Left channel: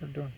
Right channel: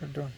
കേട്ടോ.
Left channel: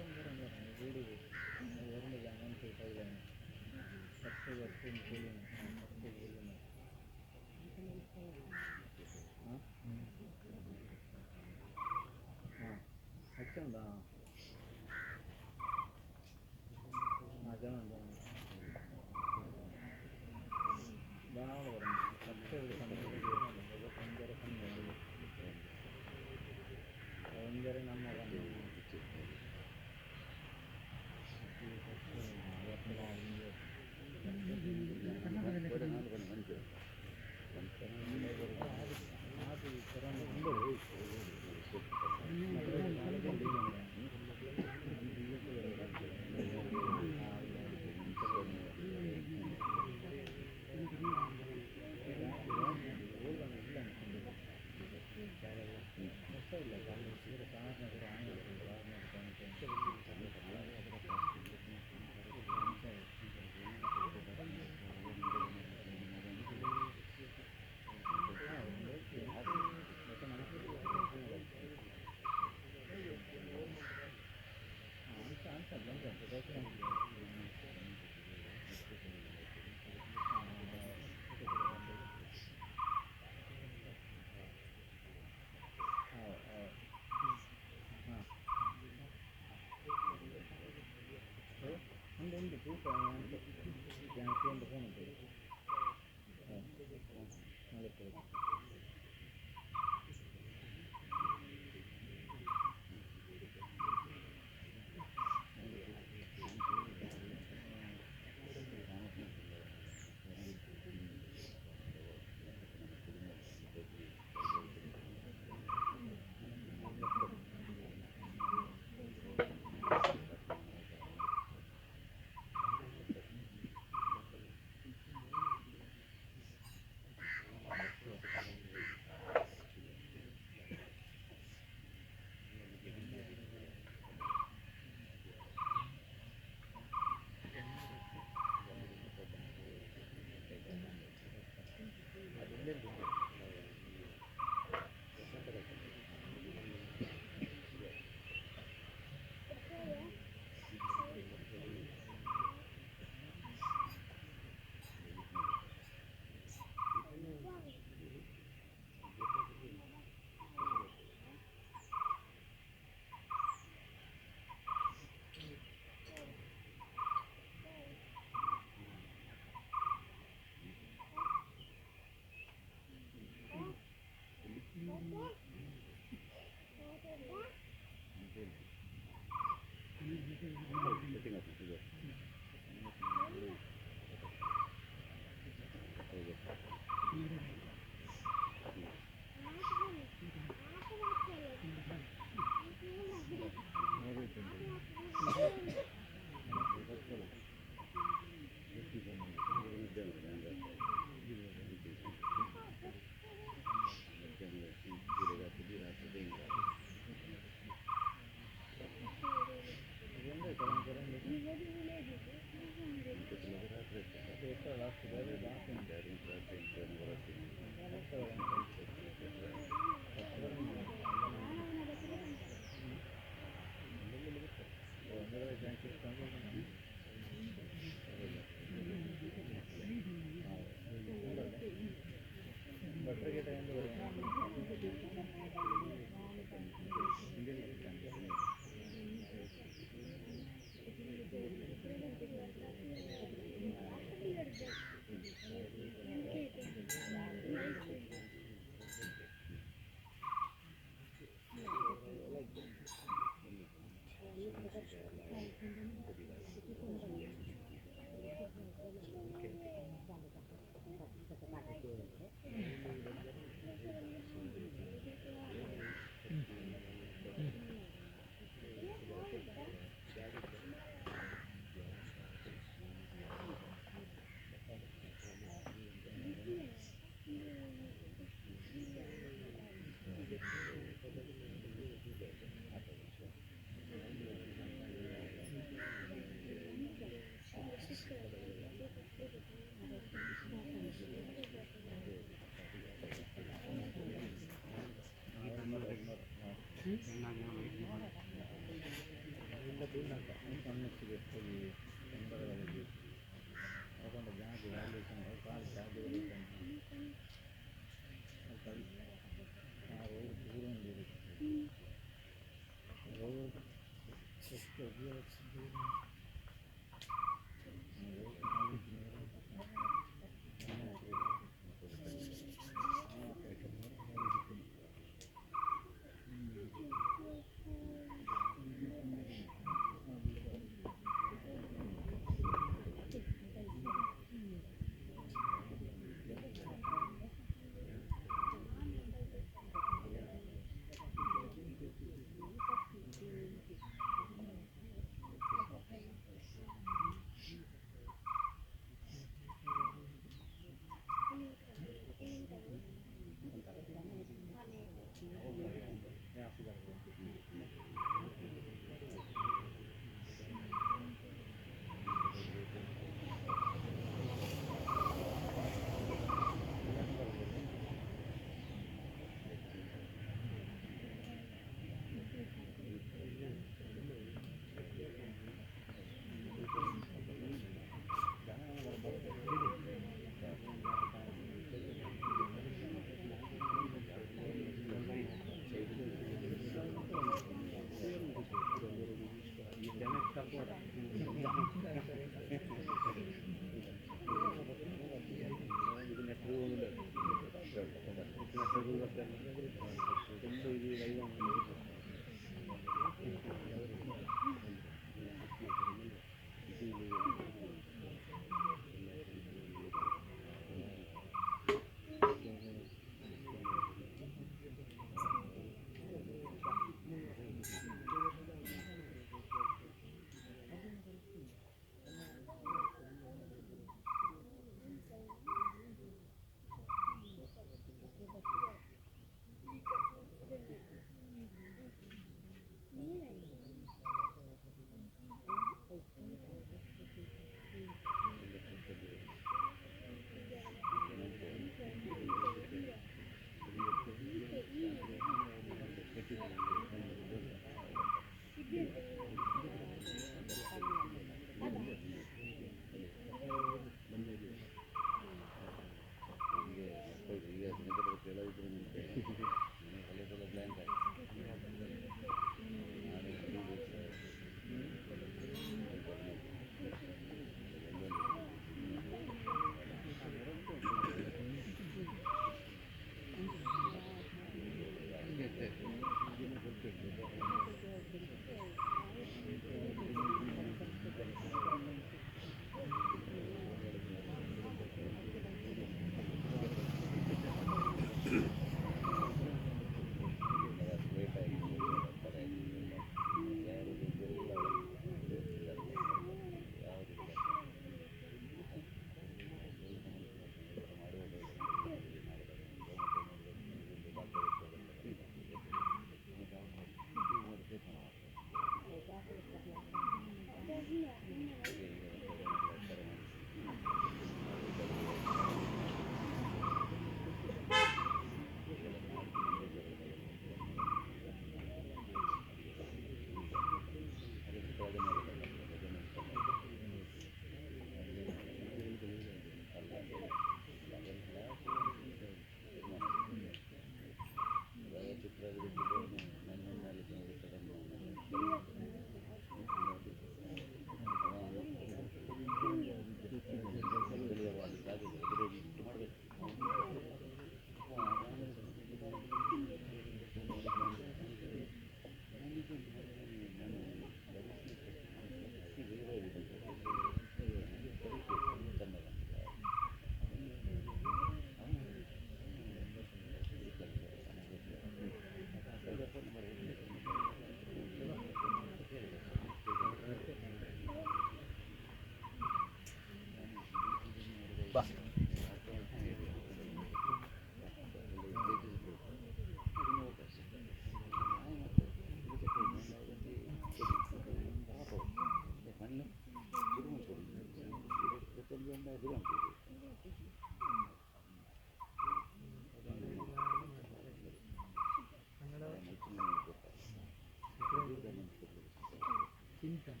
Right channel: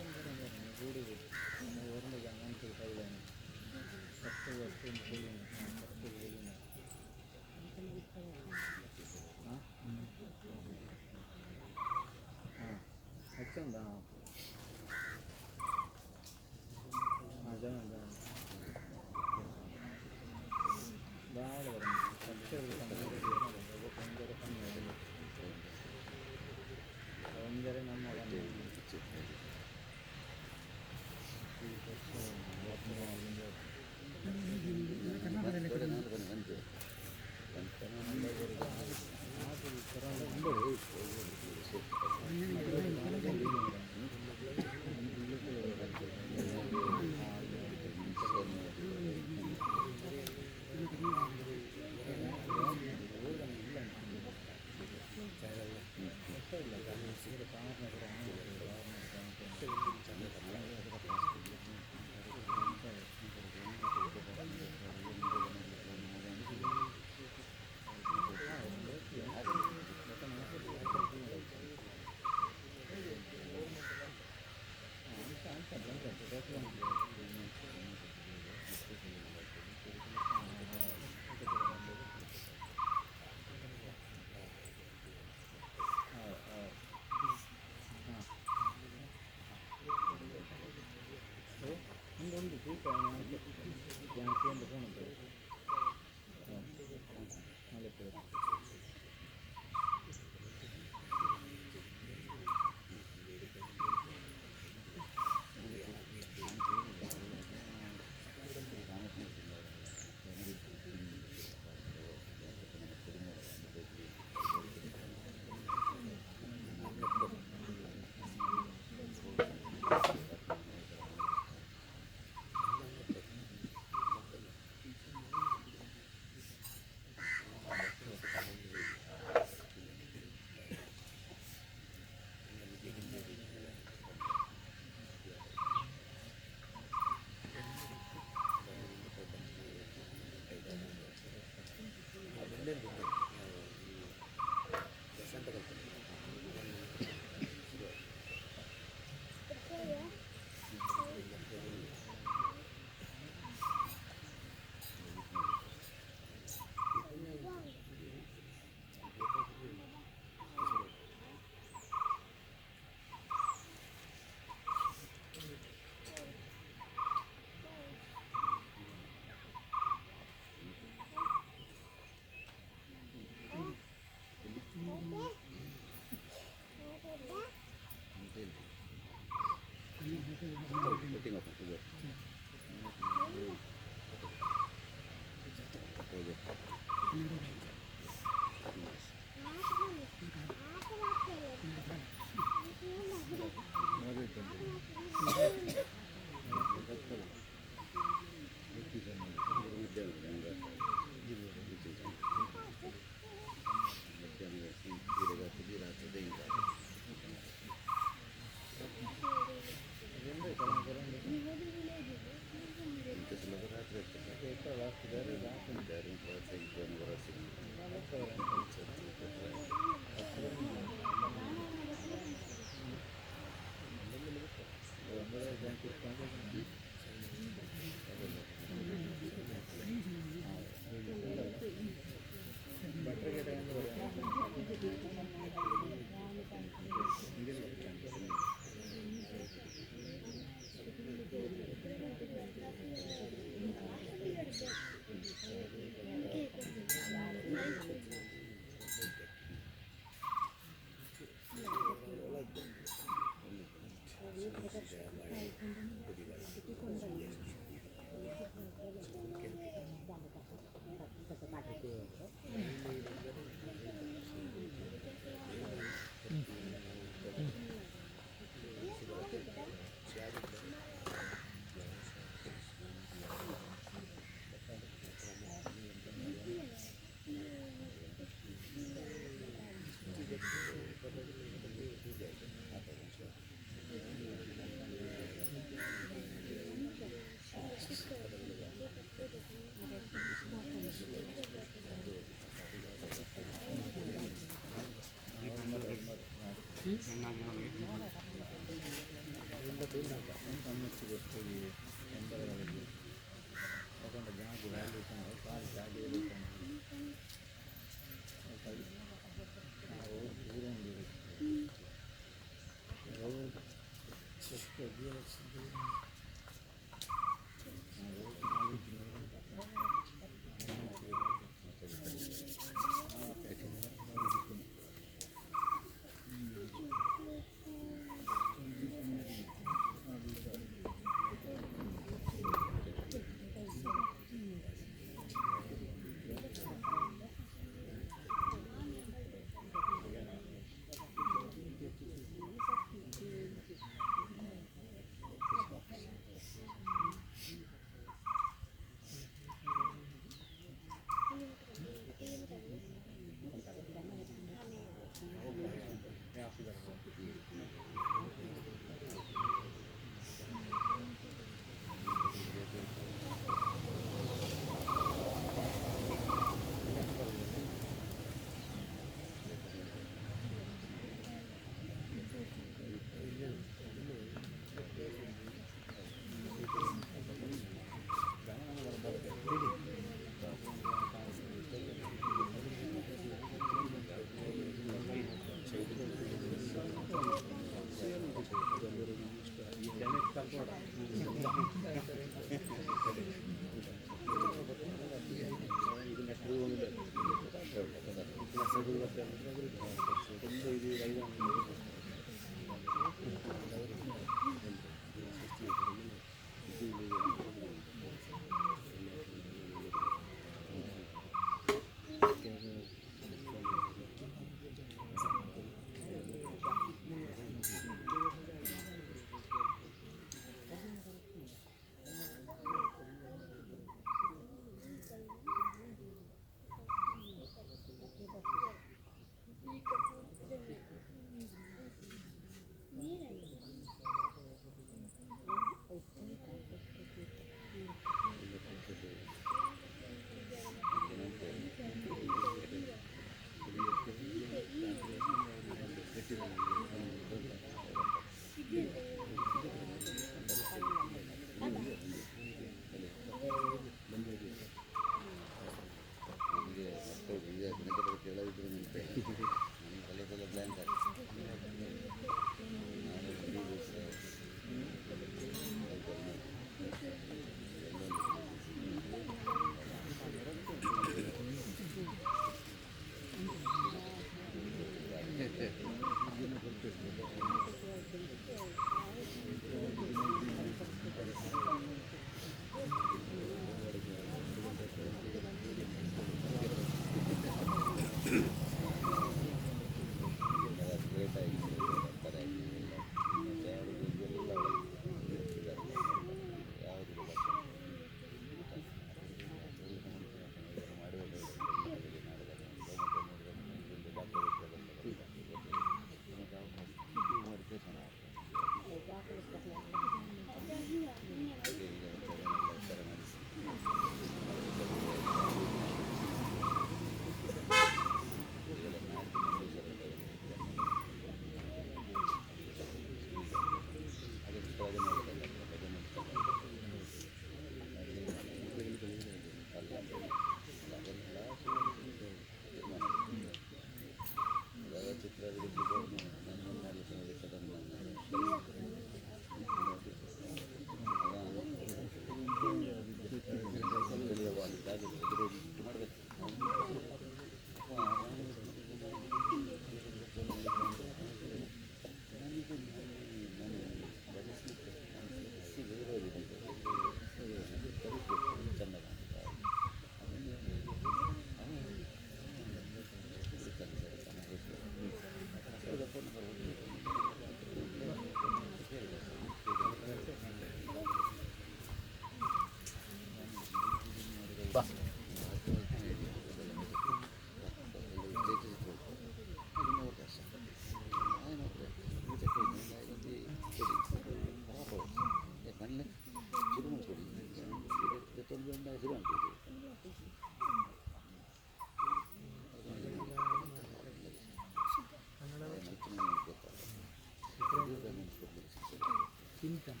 ಚಿಂತನ್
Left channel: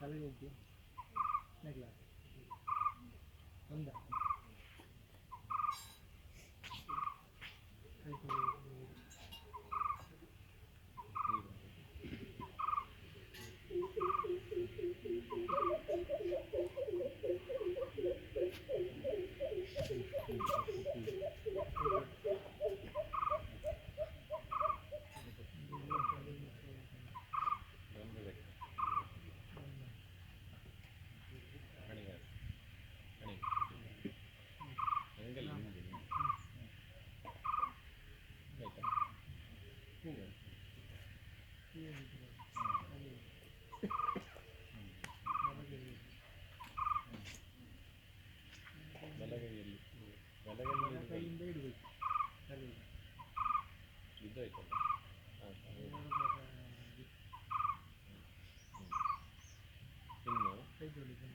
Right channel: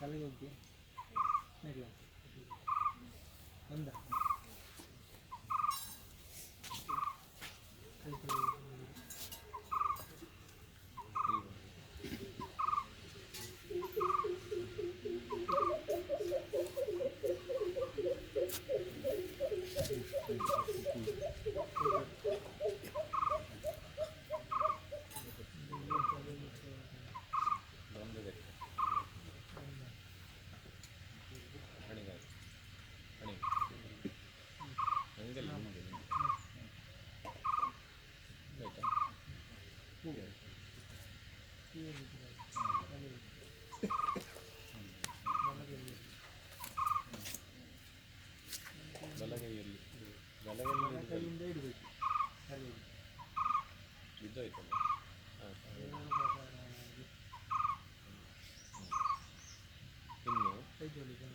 ತಲೆಗೆ ಹೋಗಿ ನೆಗ್ಲ ಒಂದ ಹೀಗೆ ಹೀಗೆ ಬಿಟ್ಟಿದ್ದಾರೆ. ತಲೆ ಬಲಗೈಯಲ್ಲಿ ಕೈಯಿಂದ ಇಡಬೇಕು ತಲೆಯಲ್ಲಿ. ಇದ್ದಾಯ್ತಲ್ಲ. ಹಾಂ ಇನ್ನು ಕೈ ಜೋಡಿ ಜನ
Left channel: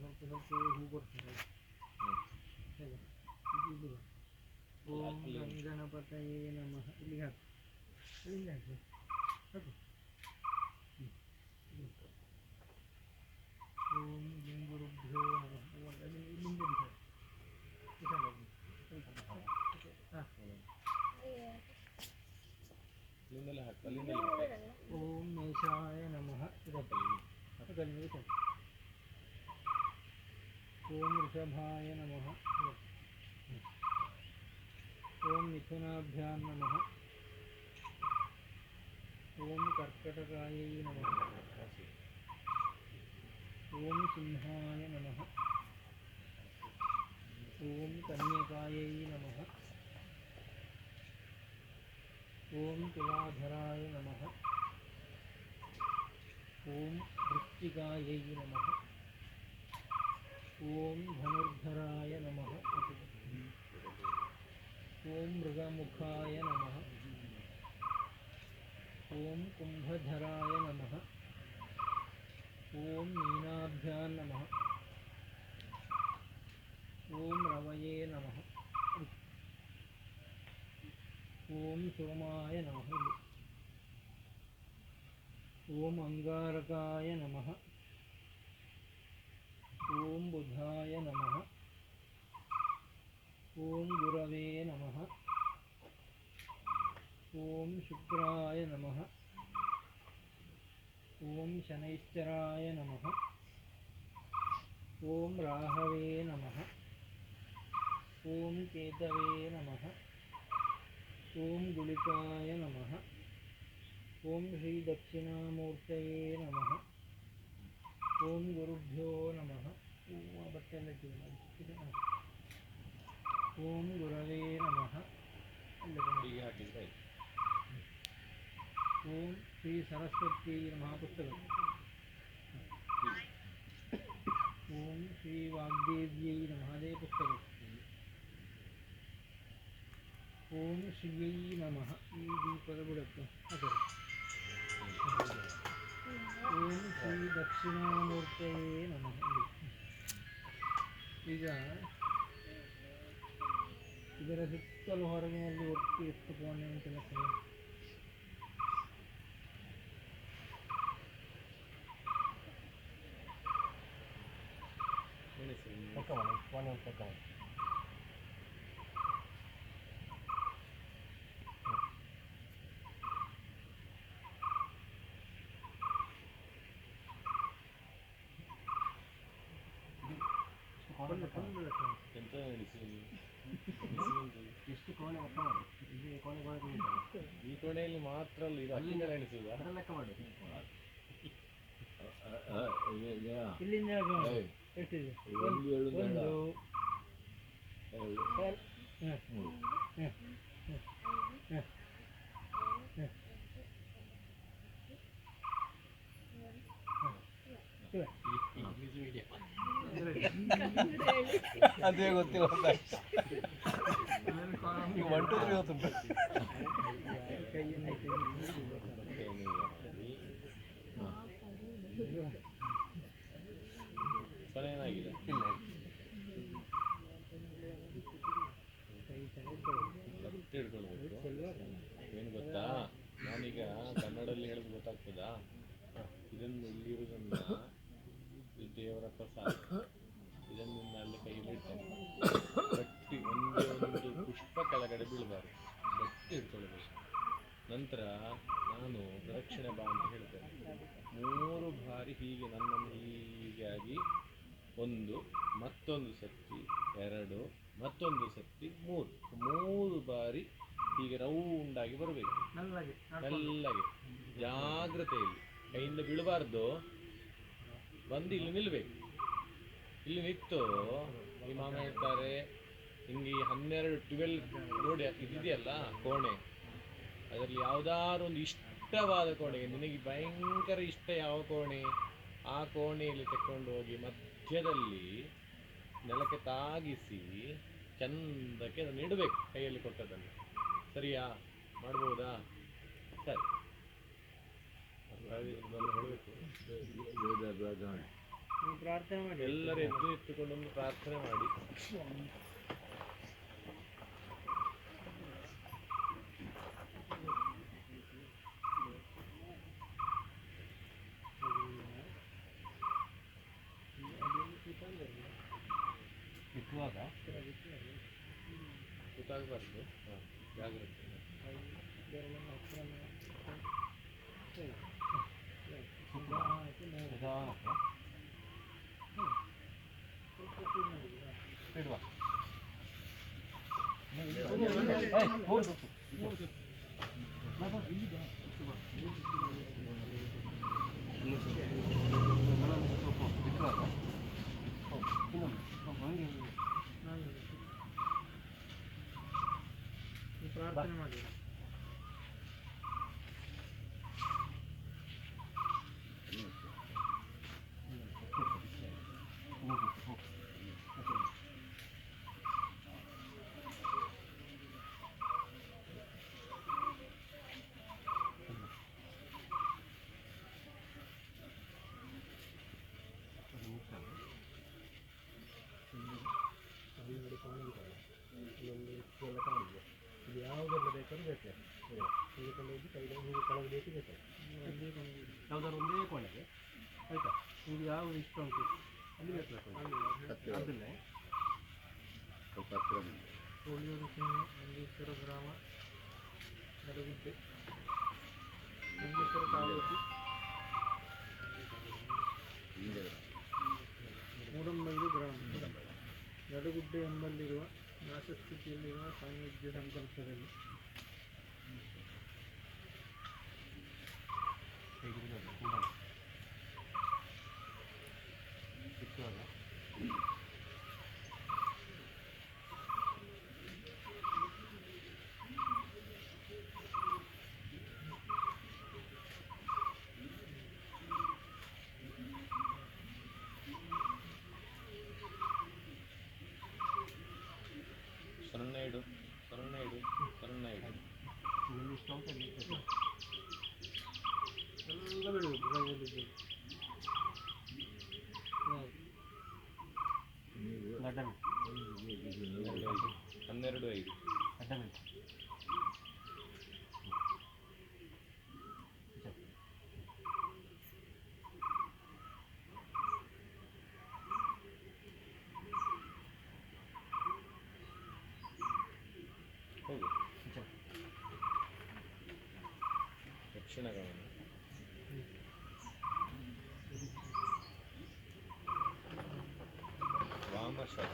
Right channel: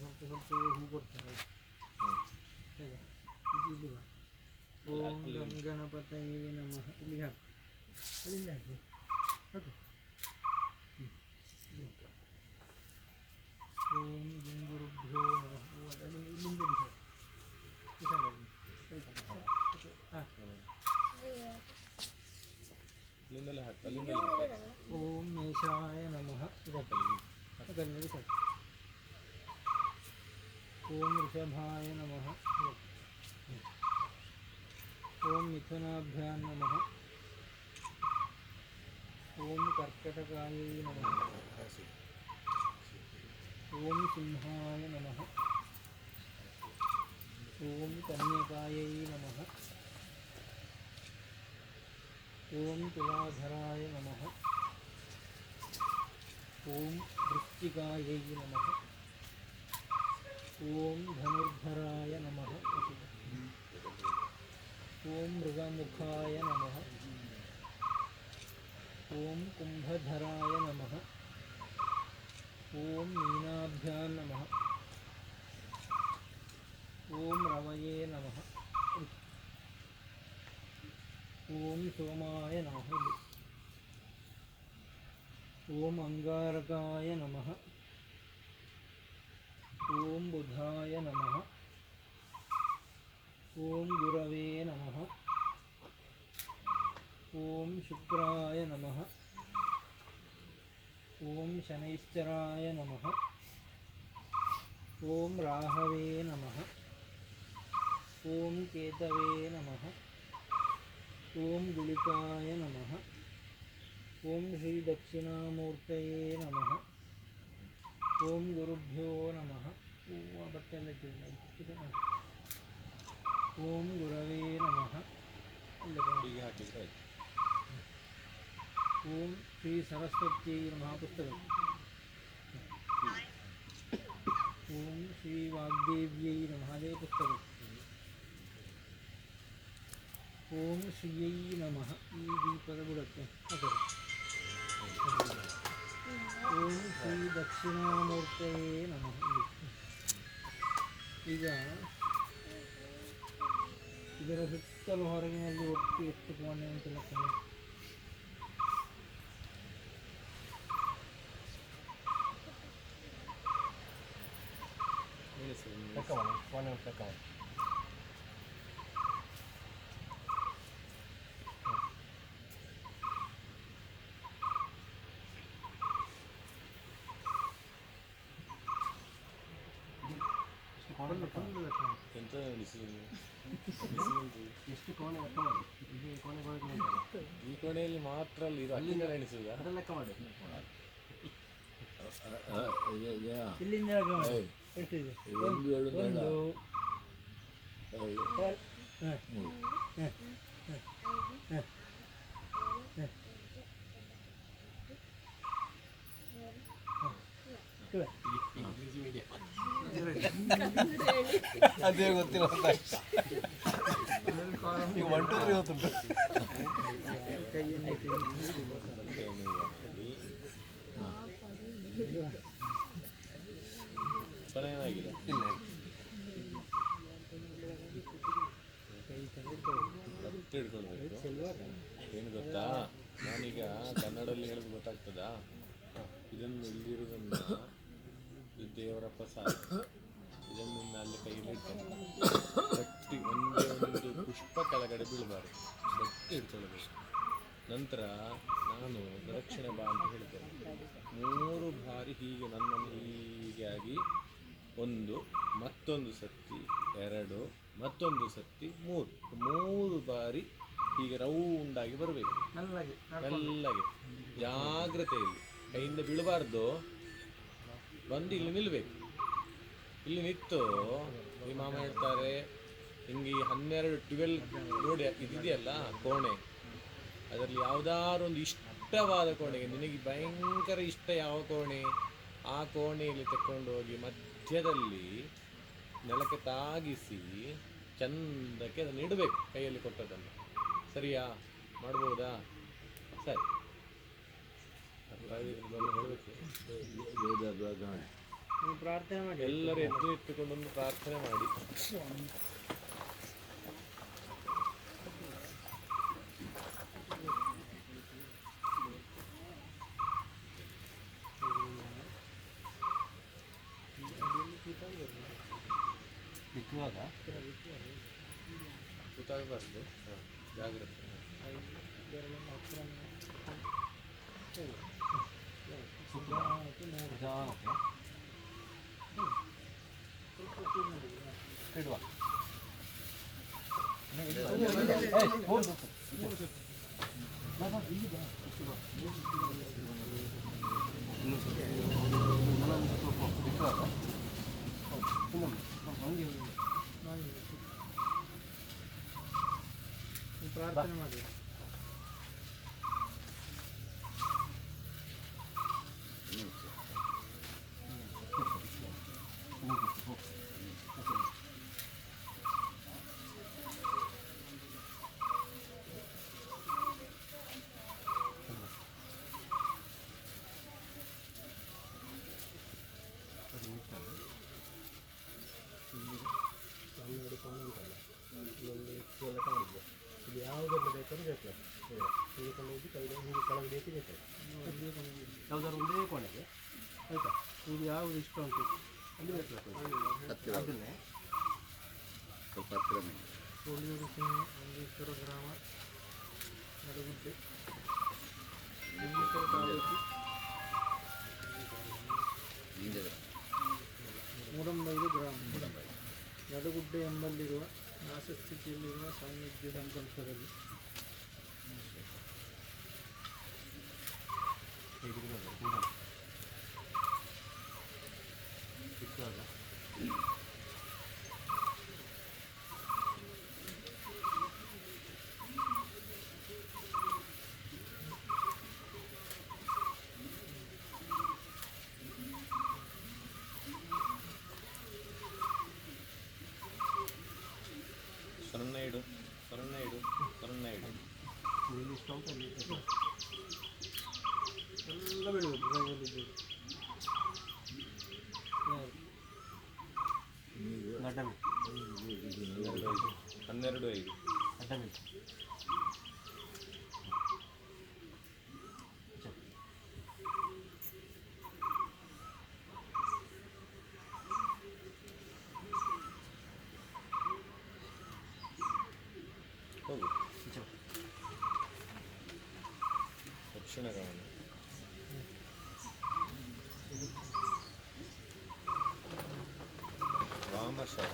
ಸ್ವಲ್ಪ ಸ್ವಲ್ಪ ಹೂ ಕೊಡ್ತಾರೆ. ಹೇಗೆ ಇದು ಇಲ್ಲಿಗ ಓಂ ಗಂಗಣಪತಯೇ ನಮಃ ಇಲ್ಲಿಗೆ ಹಾಕು, ಅಲ್ಲಿಂದ ಹಾಕು ಹಾಕು. ಓಂ ಗುರುಭ್ಯೋ ನಮಃ. ಅಲ್ಲಿಂದ ಇಲ್ಲಿಂದ ಬಿಸಾಡು ಬಿಸಾಡು ಹಾಂ. ಅಲ್ಲಿಂದಲೇ ಹಾಕು, ಅಲ್ಲಿಂದಲೇ ಹಾಕು. ಓಂ ಮೇಷಾಯ ನಮಃ. ಕಲ್ಲಿಂದ ಬಿಸಾಡು. ಓಂ ವೃಷಭಾಯ ನಮಃ. ಓಂ ಮಿಥುನಾಭ್ಯಾಂ ನಮಃ. ಓಂ ಕರ್ಕಟಕಾಯೈ ನಮಃ. ಓಂ ಸಿಂಹಾಯ ನಮಃ. ಓಂ ಕನ್ಯಕಾಯೈ ನಮಃ. ಓಂ ತುಲಾಧರಾಯ ನಮಃ. ಓಂ ವೃಶ್ಚಿಕಾಯೈ ನಮಃ. ಓಂ ಧನುರ್ಧರಾಯ ನಮಃ. ಓಂ ಮೃಗಮುಖಾಯ ನಮಃ. ಓಂ ಕುಂಭಧರಾಯ ನಮಃ. ಓಂ ಮೀನಾಭ್ಯಾಂ ನಮಃ. ಓಂ ರವಯೇ ನಮಃ. ಓಂ ಸೋಮಾಯ ನಮಃ. ಓಂ ಅಂಗಾರಕಾಯ ನಮಃ. ಓಂ ಬುಧಾಯ ನಮಃ. ಓಂ ಗುರವೇ ನಮಃ. ಓಂ ಶುಕ್ರಾಯ ನಮಃ. ಓಂ ಶನೈಶ್ಚರಾಯ ನಮಃ. ಓಂ ರಾಹವೇ ನಮಃ. ಓಂ ಕೇತವೇ ನಮಃ. ಓಂ ಗುಳಿಕಾಯ ನಮಃ. ಓಂ ಶ್ರೀ ದಕ್ಷಿಣಾಮೂರ್ತಯೇ ನಮಃ. ಓಂ ಗುರುಭ್ಯೋ ನಮಃ. ಬಟ್ಟೆ ಎಲ್ಲ ಇಟ್ಟಿದೆ. ಓಂ ಗುರವೇ ನಮಃ. ಹೀಗೆ ಹಾಕಿದ್ರೆ ಆಯ್ತು. ಓಂ ಶ್ರೀ ಸರಸ್ವತ್ಯೈ ನಮಃ. ಪುಸ್ತಕ. ಓಂ ಶ್ರೀ ವಾಗ್ದೇವ್ಯೈ ನಮಃ. ಅದೇ ಪುಸ್ತಕ. ಓಂ ಶ್ರೀಯೈ ನಮಃ. ಈ ದೀಪದ ಬುಡಕ್ಕೆ ಅದರ. ಓಂ ಶ್ರೀ ದಕ್ಷಿಣಾಮೂರ್ತಯೇ ನಮಃ. ಈಗ ಇದರ ಸುತ್ತಲೂ ಹೊರಗಿನಲ್ಲಿ ಒಟ್ಟು ಎಷ್ಟು ಕೋಣೆ ಅಂತ ಲೆಕ್ಕ ಮಾಡಿ. ಲೆಕ್ಕ ಮಾಡಿ, ಕೋಣೆ ಅಂತ ಲೆಕ್ಕ ಮಾಡಿ. ಎಂತ ಎಣಿಸಿದ್ರು? ಎಷ್ಟು ಕೋಣೆ ಲೆಕ್ಕ ಮಾಡಿ. ಇದು ಕೋಣೆ ಈ ಕೋಣೆಯಲ್ಲಿ ಮಾತ್ರ ಅಲ್ಲ, ಇದು ಅಲ್ಲಿಂದ ಎಣಿಸುವುದ? ಅದರ ಲೆಕ್ಕ ಮಾಡಿ. ಇಲ್ಲಿಂದ ಎಷ್ಟಿದೆ? ಒಂದು ಅದೇ ಗೊತ್ತಿಲ್ಲ. ಈಗ 1 2 3 ಗೊತ್ತುಂಟು. ಏನಾಗಿದೆ? ಇಲ್ಲ. ಮತ್ತೆ ಹಿಡ್ಕೊಳ್ಬೇಕು. ಏನು ಗೊತ್ತಾ, ನಾನೀಗ ಕನ್ನಡದಲ್ಲಿ ಹೇಳೋದು ಗೊತ್ತಾಗ್ತದಾ? ಇದನ್ನು ಇಲ್ಲಿರೋದನ್ನ ದೇವರ ಪ್ರಸಾದ, ಇದನ್ನು ಅಲ್ಲಿ ಕೈಯಲ್ಲಿ ಇಡ್ತೇನೆ. ಗಟ್ಟಿ ಒಂದೇ ಒಂದು ಪುಷ್ಪ ಕೆಳಗಡೆ ಬೀಳಬಾರ್ದು, ಗಟ್ಟಿ ಹಿಡ್ಕೊಳ್ಬೇಕು. ನಂತರ ನಾನು ಪ್ರದಕ್ಷಿಣೆ ಬಾ ಅಂತ ಹೇಳ್ತೇನೆ. 3 ಬಾರಿ ಹೀಗೆ ನನ್ನನ್ನು ಹೀಗೆ ಆಗಿ 1, ಮತ್ತೊಂದು ಸತಿ 2, ಮತ್ತೊಂದು ಸತಿ 3 ಬಾರಿ ಹೀಗೆ ರೌಂಡಾಗಿ ಬರಬೇಕು. ಮೆಲ್ಲಗೆ ಜಾಗ್ರತೆಯಲ್ಲಿ, ಕೈಯಿಂದ ಬೀಳಬಾರ್ದು. ಬಂದು ಇಲ್ಲಿ ನಿಲ್ಲಬೇಕು. ಇಲ್ಲಿ ನಿಂತು ಈ ಮಾಮ ಹೇಳ್ತಾರೆ, ಹಿಂಗೆ ಈ 12 ನೋಡಿ ಇದಿದೆಯಲ್ಲ ಕೋಣೆ, ಅದರಲ್ಲಿ ಯಾವುದಾದ್ರು ಒಂದು ಇಷ್ಟವಾದ ಕೋಣೆಗೆ, ನಿನಗೆ ಭಯಂಕರ ಇಷ್ಟ ಯಾವ ಕೋಣೆ, ಆ ಕೋಣೆಯಲ್ಲಿ ತಕೊಂಡು ಹೋಗಿ ಮಧ್ಯದಲ್ಲಿ ನೆಲಕ್ಕೆ ತಾಗಿಸಿ ಚಂದಕ್ಕೆ ಅದನ್ನು ಇಡಬೇಕು, ಕೈಯಲ್ಲಿ ಕೊಟ್ಟದನ್ನು. ಸರಿಯಾ? ಮಾಡ್ಬೋದಾ? ಸರಿ, ಹೇಳಬೇಕು. ನೀವು ಪ್ರಾರ್ಥನೆ ಮಾಡಿ. ಎಲ್ಲರೂ ಎದ್ದು ಇಟ್ಟುಕೊಂಡೊಂದು ಪ್ರಾರ್ಥನೆ ಮಾಡಿ. ಗೊತ್ತಾಗಬಾರ್ದು. ಜಾಗ್ರತೆ. ಪ್ರಾರ್ಥನೆ ಮಾಡಿ. ಇದು ಯಾವುದೆಲ್ಲ ಬೇಕಾದ್ರೂ ಬೇಕು, ತೆಗೆದುಕೊಂಡು ಹೋಗಿ ಕೈಗೆ ಹೀಗೆ ಕೆಳಗೆ ಬೇಕು ಯಾವುದಾದ್ರು ಒಂದೇ ಕೋಣೆಗೆ ಆಯಿತಾ. ನಿಮಗೆ ಯಾವುದು ಇಷ್ಟ ಉಂಟು ಅಲ್ಲಿ ಬೇಕು, ಅದನ್ನೇ ಕೋಳಿಯೂರು ಮಂಜೇಶ್ವರ ಗ್ರಾಮ, ನಡುಗುಡ್ಡೆ, ಮಂಜೇಶ್ವರ ತಾಲೂಕು, ಮೂಡಂಬೈಲು ಗ್ರಾಮ, ನಡುಗುಡ್ಡೆ ಎಂಬಲ್ಲಿರುವ ನಾಶಸ್ಥಿತಿಯಲ್ಲಿರುವ ಸಾನ್ನಿಧ್ಯ ಸಂಕಲ್ಪದಲ್ಲಿ ಎಲ್ಲ ಬೆಳಿಬೇಕು. ಕೈಯಲ್ಲಿ 12.5 ಹೋಗು. ದಕ್ಷಿಣ ಗಮನ. ವಾಮಶಃ.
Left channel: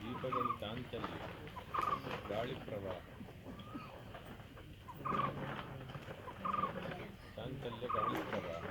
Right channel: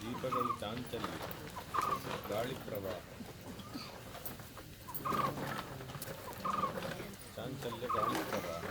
ದೀಪಗಳು ಚಾಂಚಲ್ಯ, ಗಾಳಿ ಪ್ರವಾಹ, ಚಾಂಚಲ್ಯ ಗಾಳಿ ಪ್ರವಾಹ.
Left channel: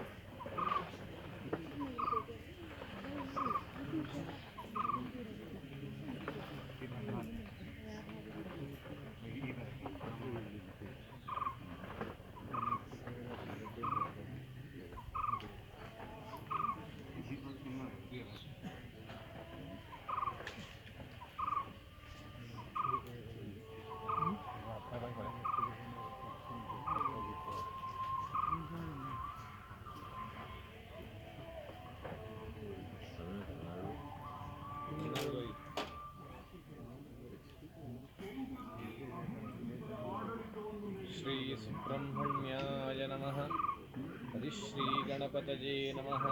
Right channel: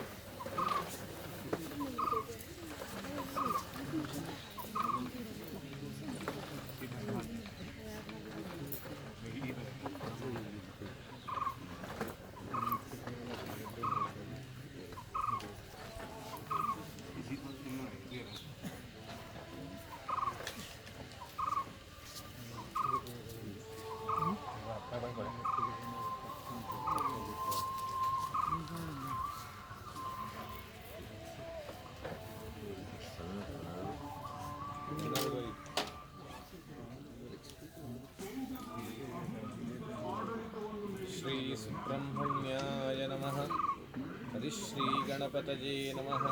ಶ್ರೀ ಸುಬ್ರಹ್ಮಣ್ಯಾಯ ನಮಃ. ಹರಿಶ್ರೀ ಗಣಪತಯೇ ನಮಃ.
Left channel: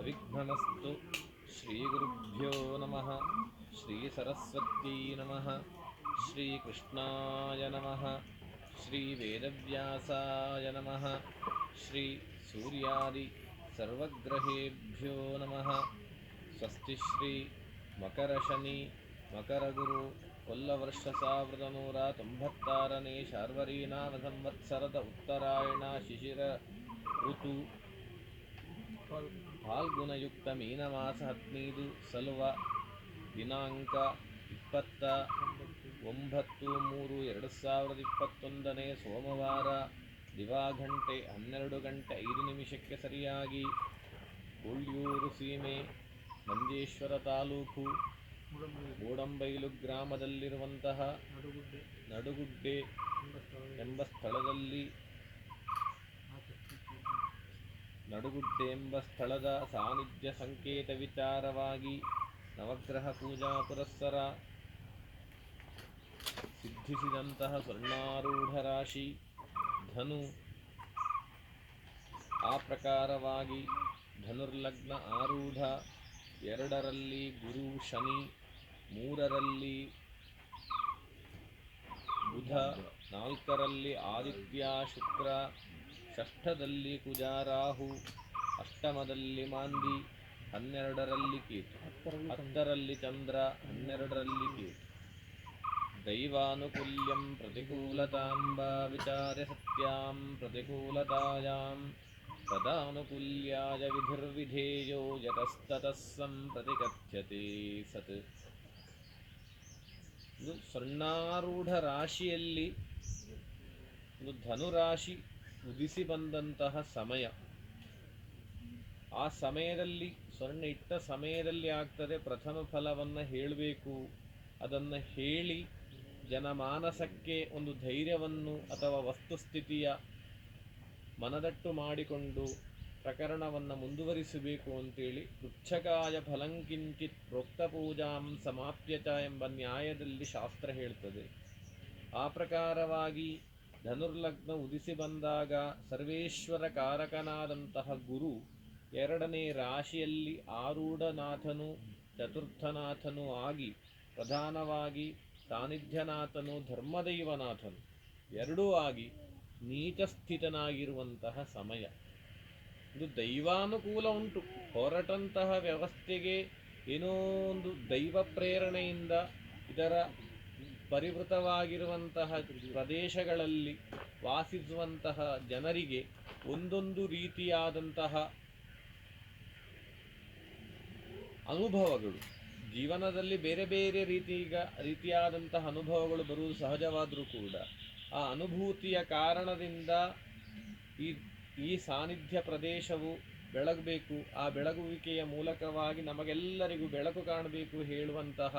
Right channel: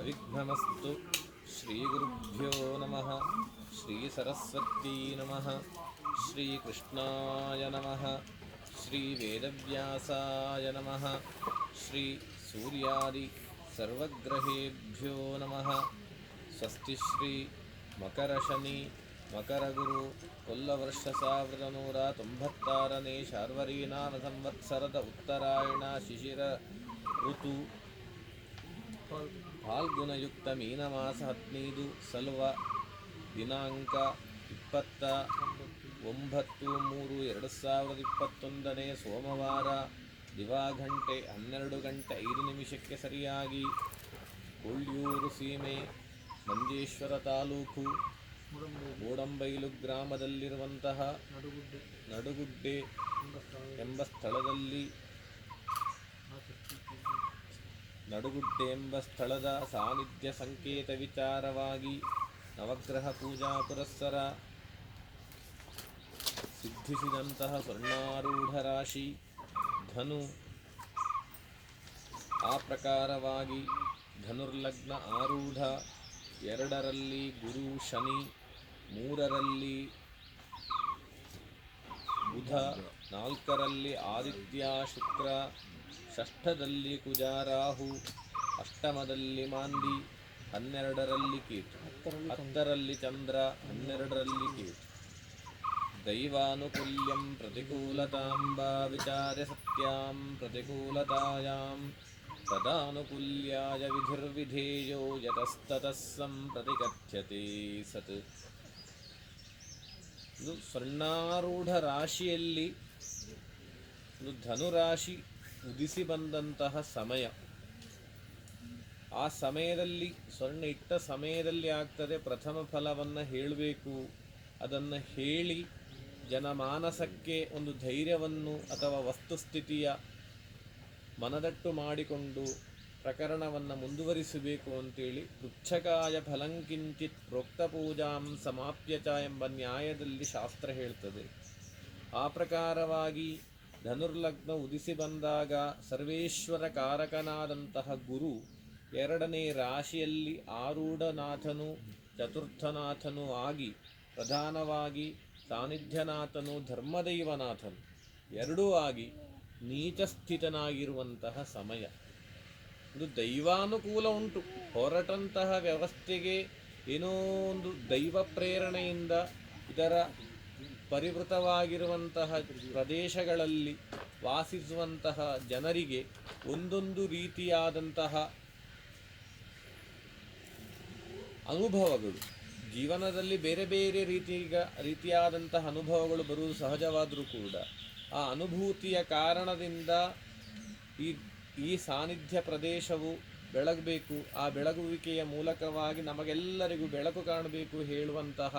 ಅವಿಘ್ನಮಸ್ತು. ಶ್ರೀ ಗುರುಭ್ಯೋ ನಮಃ. ಶ್ರೀ ಸರಸ್ವತೀ ನಮಃ. ಶ್ರೀ ಕೃಷ್ಣಾಯ ನಮಃ. ಶ್ರೀ ವೇದವ್ಯಾಸಾಯ ನಮಃ. ಶ್ರೀ ಸೂರ್ಯಾದಿ ಸರ್ವಗ್ರಹೇಭ್ಯೋ ನಮಃ. ಸ್ವಸ್ತಿ ಶ್ರೀ ಮಕರಶನಿ ಮಕರಗುರು ಕೊಲ್ಲವರ್ಷ 1196ನೇ ಶಾರ್ವರೀನಾಮ ಸಂವತ್ಸರದ ಉತ್ತರಾಯಣ ಶಿಶಿರ ಋತು ಫಾಲ್ಗುಣಯುಕ್ತ ಮೀನಮಾಸ 15 ಸಲುವ ದಿನಾಂಕ 29/3/2021 ಸೋಮವಾರ ದಿವಾಘಂಟೆ 12:05 ಸರಿಯಾಗಿ ಕೊಳ್ಯೂರು ಸೀಮೆ ಮಂಜೇಶ್ವರ ತಾಲೂಕು ಗೋಡಂಬೈಲು ಗ್ರಾಮದಲ್ಲಿರುವಂತಹ ನಡುಗುಡ್ಡೆ ಎಂಬ ಸ್ಥಳದ ಸಾನ್ನಿಧ್ಯ ಸಂಕೇತ ವಿಚಾರವಾಗಿ ನವಗ್ರಹ ಪೂಜಾ ಪುರಸ್ಸರ ಸಿದ್ಧಿಸಿದಂತಹ ಸ್ವರ್ಣಾರೂಢ ರಾಶಿ ಧನು. ಆ ಪ್ರಕಾರವಾಗಿ ಧನುರ್ಲಗ್ನ ಆರೂಢ, 2ರಲ್ಲಿ ಗುರು ಶನಿ, 3ರಲ್ಲಿ ಬುಧ, 4ರಲ್ಲಿ ಆದಿತ್ಯ ಶುಕ್ರ, 6ದಲ್ಲಿ ಕುಜ ರಾಹು, 8ಮದಲ್ಲಿ ಮಾಂದಿ, 12ರಲ್ಲಿ ಕೇತು, 10ರಲ್ಲಿ ಚಂದ್ರ, 12ರಲ್ಲಿ ಕೇತು. ದೈವಾನುಕೂಲ್ಯಂ ಪ್ರತಿಕೂಲತಾಂ ವಾ ವಿಚಾರ್ಯ ಸತ್ಯಾಂ ಪ್ರತಿಕೂಲತಾಯಾಂ ತದಾನುಕೂಲ್ಯಾಯ ವಿಧಿರ್ವಿಧೇಯೋ ಯತಸ್ತತಃ ಸಂಪ್ರತಿಕಥ್ಯತೆ ಸತ್. ಇದು ಸ್ವರ್ಣಾರೂಢ ರಾಶಿಯಲ್ಲಿ ಒಂದು ಧನುರಾಶಿ ಉದಿಸಿ ಬಂದಂತಹ ಸಮಯ. ಆ ಸಮಯದಲ್ಲಿ ಸ್ವರ್ಣ ಇಟ್ಟ ಸಮಯದಲ್ಲಿ ಆಗ್ತದೆ ಪ್ರಥಮ ಫಲವನ್ನು ಹೇಳಬೇಕು. ಅದನ್ನು ಹೇಳಿ ಜನಮಾನಸಕ್ಕೆ ಒಂದು ಧೈರ್ಯವನ್ನು ಅಥವಾ ವಸ್ತುಸ್ಥಿತಿಯ ಮನದಟ್ಟು ಮಾಡಿಕೊಂಡು ಪ್ರಕರಣವನ್ನು ಮುಂದುವರಿಸಬೇಕು ಅಂತೇಳಿ ಪೃಚ್ಛಕಾಯ ಫಲಂಕಿಂಚಿತ್ ಪ್ರೋಕ್ತ ಪೂಜಾಂ ಸಮಾಪ್ಯ ಚ ಎಂಬ ನ್ಯಾಯದಲ್ಲಿ ಶಾಸ್ತ್ರ ಹೇಳ್ತದೆ. ಆ ಪ್ರಕಾರವಾಗಿ ಧನುರ್ಲಗ್ನ ಉದಿಸಿ ಬಂದಾಗ ಸರ್ವೇಶ್ವರ ಕಾರಕನಾದಂತಹ ಗುರು 2ನೇ ರಾಶಿಯಲ್ಲಿ ಆರೂಢನಾಥನು ಚತುರ್ಥನಾಥನು ಆಗಿ ಪ್ರಧಾನವಾಗಿ ಸಾನ್ನಿಧ್ಯನಾಥನು ಧರ್ಮದೈವನಾಥನು ಎರಡೂ ಆಗಿ ನೀಚಸ್ಥಿತನಾಗಿರುವಂತಹ ಸಮಯ. ಇದು ದೈವಾನುಕೂಲ ಉಂಟು. ಹೊರಟಂತಹ ವ್ಯವಸ್ಥೆಗೆ ಏನೋ ಒಂದು ದೈವ ಪ್ರೇರಣೆಯಿಂದ ಇದರ ಪರಿವೃತವಾಗಿರುವಂತಹ ಪ್ರದೇಶಗಳಲ್ಲಿ ವಾಸಿಸುವಂತಹ ಜನರಿಗೆ ಒಂದೊಂದು ರೀತಿಯಾದಂತಹ ಅನುಭವಗಳು, ಜೀವನದಲ್ಲಿ ಬೇರೆ ಬೇರೆ ರೀತಿಯಾದಂತಹ ಅನುಭವಗಳು ಬರುವುದು ಸಹಜವಾದರೂ ಕೂಡ ಆ ಅನುಭೂತಿಯ ಕಾರಣದಿಂದ ಈ ಸಾನ್ನಿಧ್ಯ ಪ್ರದೇಶವು ಬೆಳಗಬೇಕು. ಆ ಬೆಳಗುವಿಕೆಯ ಮೂಲಕವಾಗಿ ನಮಗೆಲ್ಲರಿಗೂ ಬೆಳಕು ಕಾಣಬೇಕು ಹೇಳುವಂತಹ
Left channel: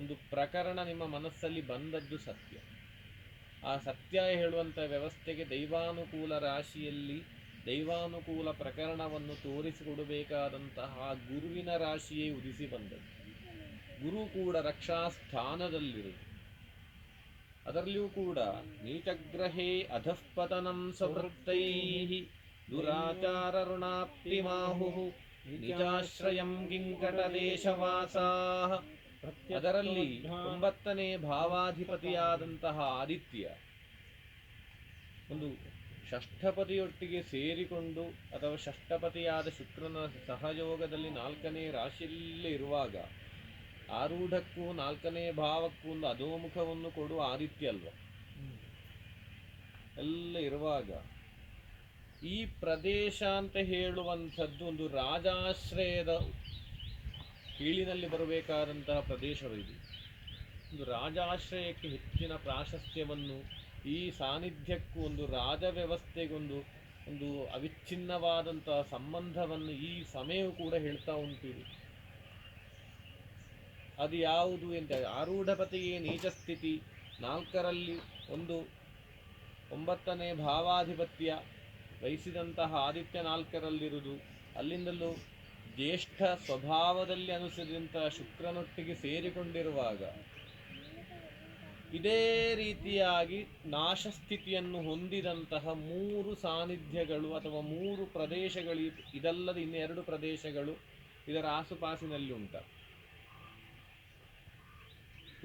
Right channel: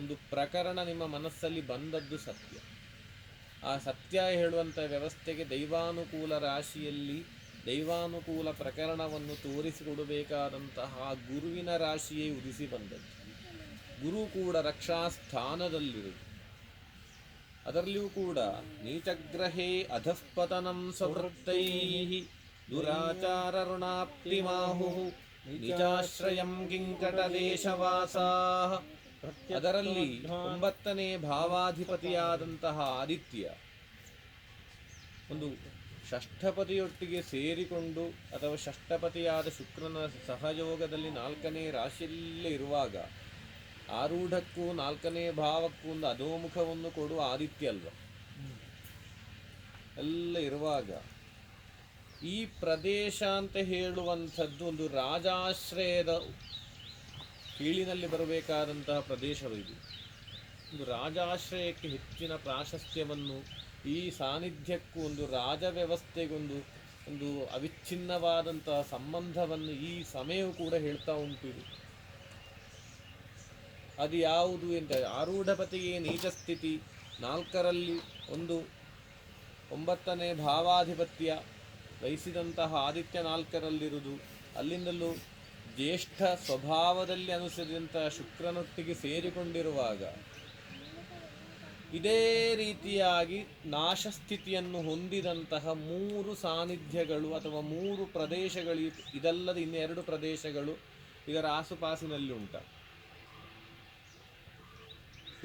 ಒಂದು ಪ್ರಕರಣ ನಿಮ್ಮ ಮನಸ್ಸಲ್ಲಿ ಬಂದದ್ದು ಸತ್ಯ. ಆ ಸತ್ಯ ಹೇಳುವಂಥ ವ್ಯವಸ್ಥೆಗೆ ದೈವಾನುಕೂಲ ರಾಶಿಯಲ್ಲಿ ದೈವಾನುಕೂಲ ಪ್ರಕರಣವನ್ನು ತೋರಿಸಿಕೊಡಬೇಕಾದಂತಹ ಗುರುವಿನ ರಾಶಿಯೇ ಉದಿಸಿ ಬಂದದ್ದು. ಗುರು ಕೂಡ ರಕ್ಷಾಸ್ಥಾನದಲ್ಲಿರುವುದು. ಅದರಲ್ಲಿಯೂ ಕೂಡ ನೀಚಗ್ರಹೇ ಅಧಃಪತನಂ ಸ್ವವೃತ್ತೈ ದುರಾಚಾರ ಋಣಾಪ್ತಿಮಾಹು ನಿಜಾಶ್ರಯಂ ಕಿಂಕಟದೇಶವಾಸಾ. ಅದರಲ್ಲಿ 9ನೇ ಭಾವಾಧಿಪತಿಯಾದಂತಹ ಆದಿತ್ಯ ಒಂದು ಷಷ್ಠಪತಿಯೊಟ್ಟಿಗೆ ಸೇರಿಕೊಂಡು ಅಥವಾ ಷಷ್ಠಪತಿಯಾದ ಶುಕ್ರನ ಸಹಯೋಗದಲ್ಲಿ 4ನೇ ರಾಶಿಯಲ್ಲೇ ಇರುವಾಗ ಆರೂಢಕ್ಕೂ 4ನೇ ಭಾವಕ್ಕೂ ಒಂದು ಅಧೋಮುಖವನ್ನು ಕೊಡುವ ಆದಿತ್ಯ ಅಲ್ವ. ಎಲ್ಲ ಇರುವಾಗ ಈ ಪ್ರದೇಶ ಅಂತ ಹೇಳುವಂಥದ್ದು ಒಂದು ರಾಜಾಶ್ರಯದ ಕೀಳಿನಲ್ಲಿ ಬರಬೇಕಾದಂತಹ ಪ್ರದೇಶವಿದೆ. ಒಂದು ರಾಜಾಶ್ರಯಕ್ಕೆ ಹೆಚ್ಚಿನ ಪ್ರಾಶಸ್ತ್ಯವನ್ನು, ಈ ಸಾನ್ನಿಧ್ಯಕ್ಕೂ ಒಂದು ರಾಜ ವ್ಯವಸ್ಥೆಗೊಂದು ಒಂದು ಅವಿಚ್ಛಿನ್ನವಾದಂತಹ ಸಂಬಂಧವನ್ನು ಈ ಸಮಯವು ಕೂಡ ಹೇಳ್ತಾ ಉಂಟು. ಇದು ಅದು ಯಾವುದು ಅಂತ ಆರೂಢಪತಿಗೆ ನೀಚ ಸ್ಥಿತಿ, 4ರಲ್ಲಿ ಒಂದು 9ನೇ ಭಾವಾಧಿಪತ್ಯ ವಹಿಸಿದಂತಹ ಆದಿತ್ಯ 4ರಲ್ಲಿರುವುದು, ಅಲ್ಲಿಂದಲೂ ಜ್ಯೇಷ್ಠ ಸ್ವಭಾವದಲ್ಲಿ ಅನುಸರಿಸಿದಂತಹ ಶುಕ್ರನೊಟ್ಟಿಗೆ ಸೇರಿಕೊಂಡಿರುವಾಗ ಇದೇ ರೀತಿಯಾಗಿ ನಾಶಸ್ಥಿತಿಯನ್ನು ಹೊಂದಿದಂತಹ 3 ಸಾನ್ನಿಧ್ಯಗಳು ಅಥವಾ 3 ಪ್ರದೇಶಗಳು, ಇದಲ್ಲದೆ ಇನ್ನೆರಡು ಪ್ರದೇಶಗಳು ಇದರ ಆಸುಪಾಸಿನಲ್ಲಿ ಉಂಟ.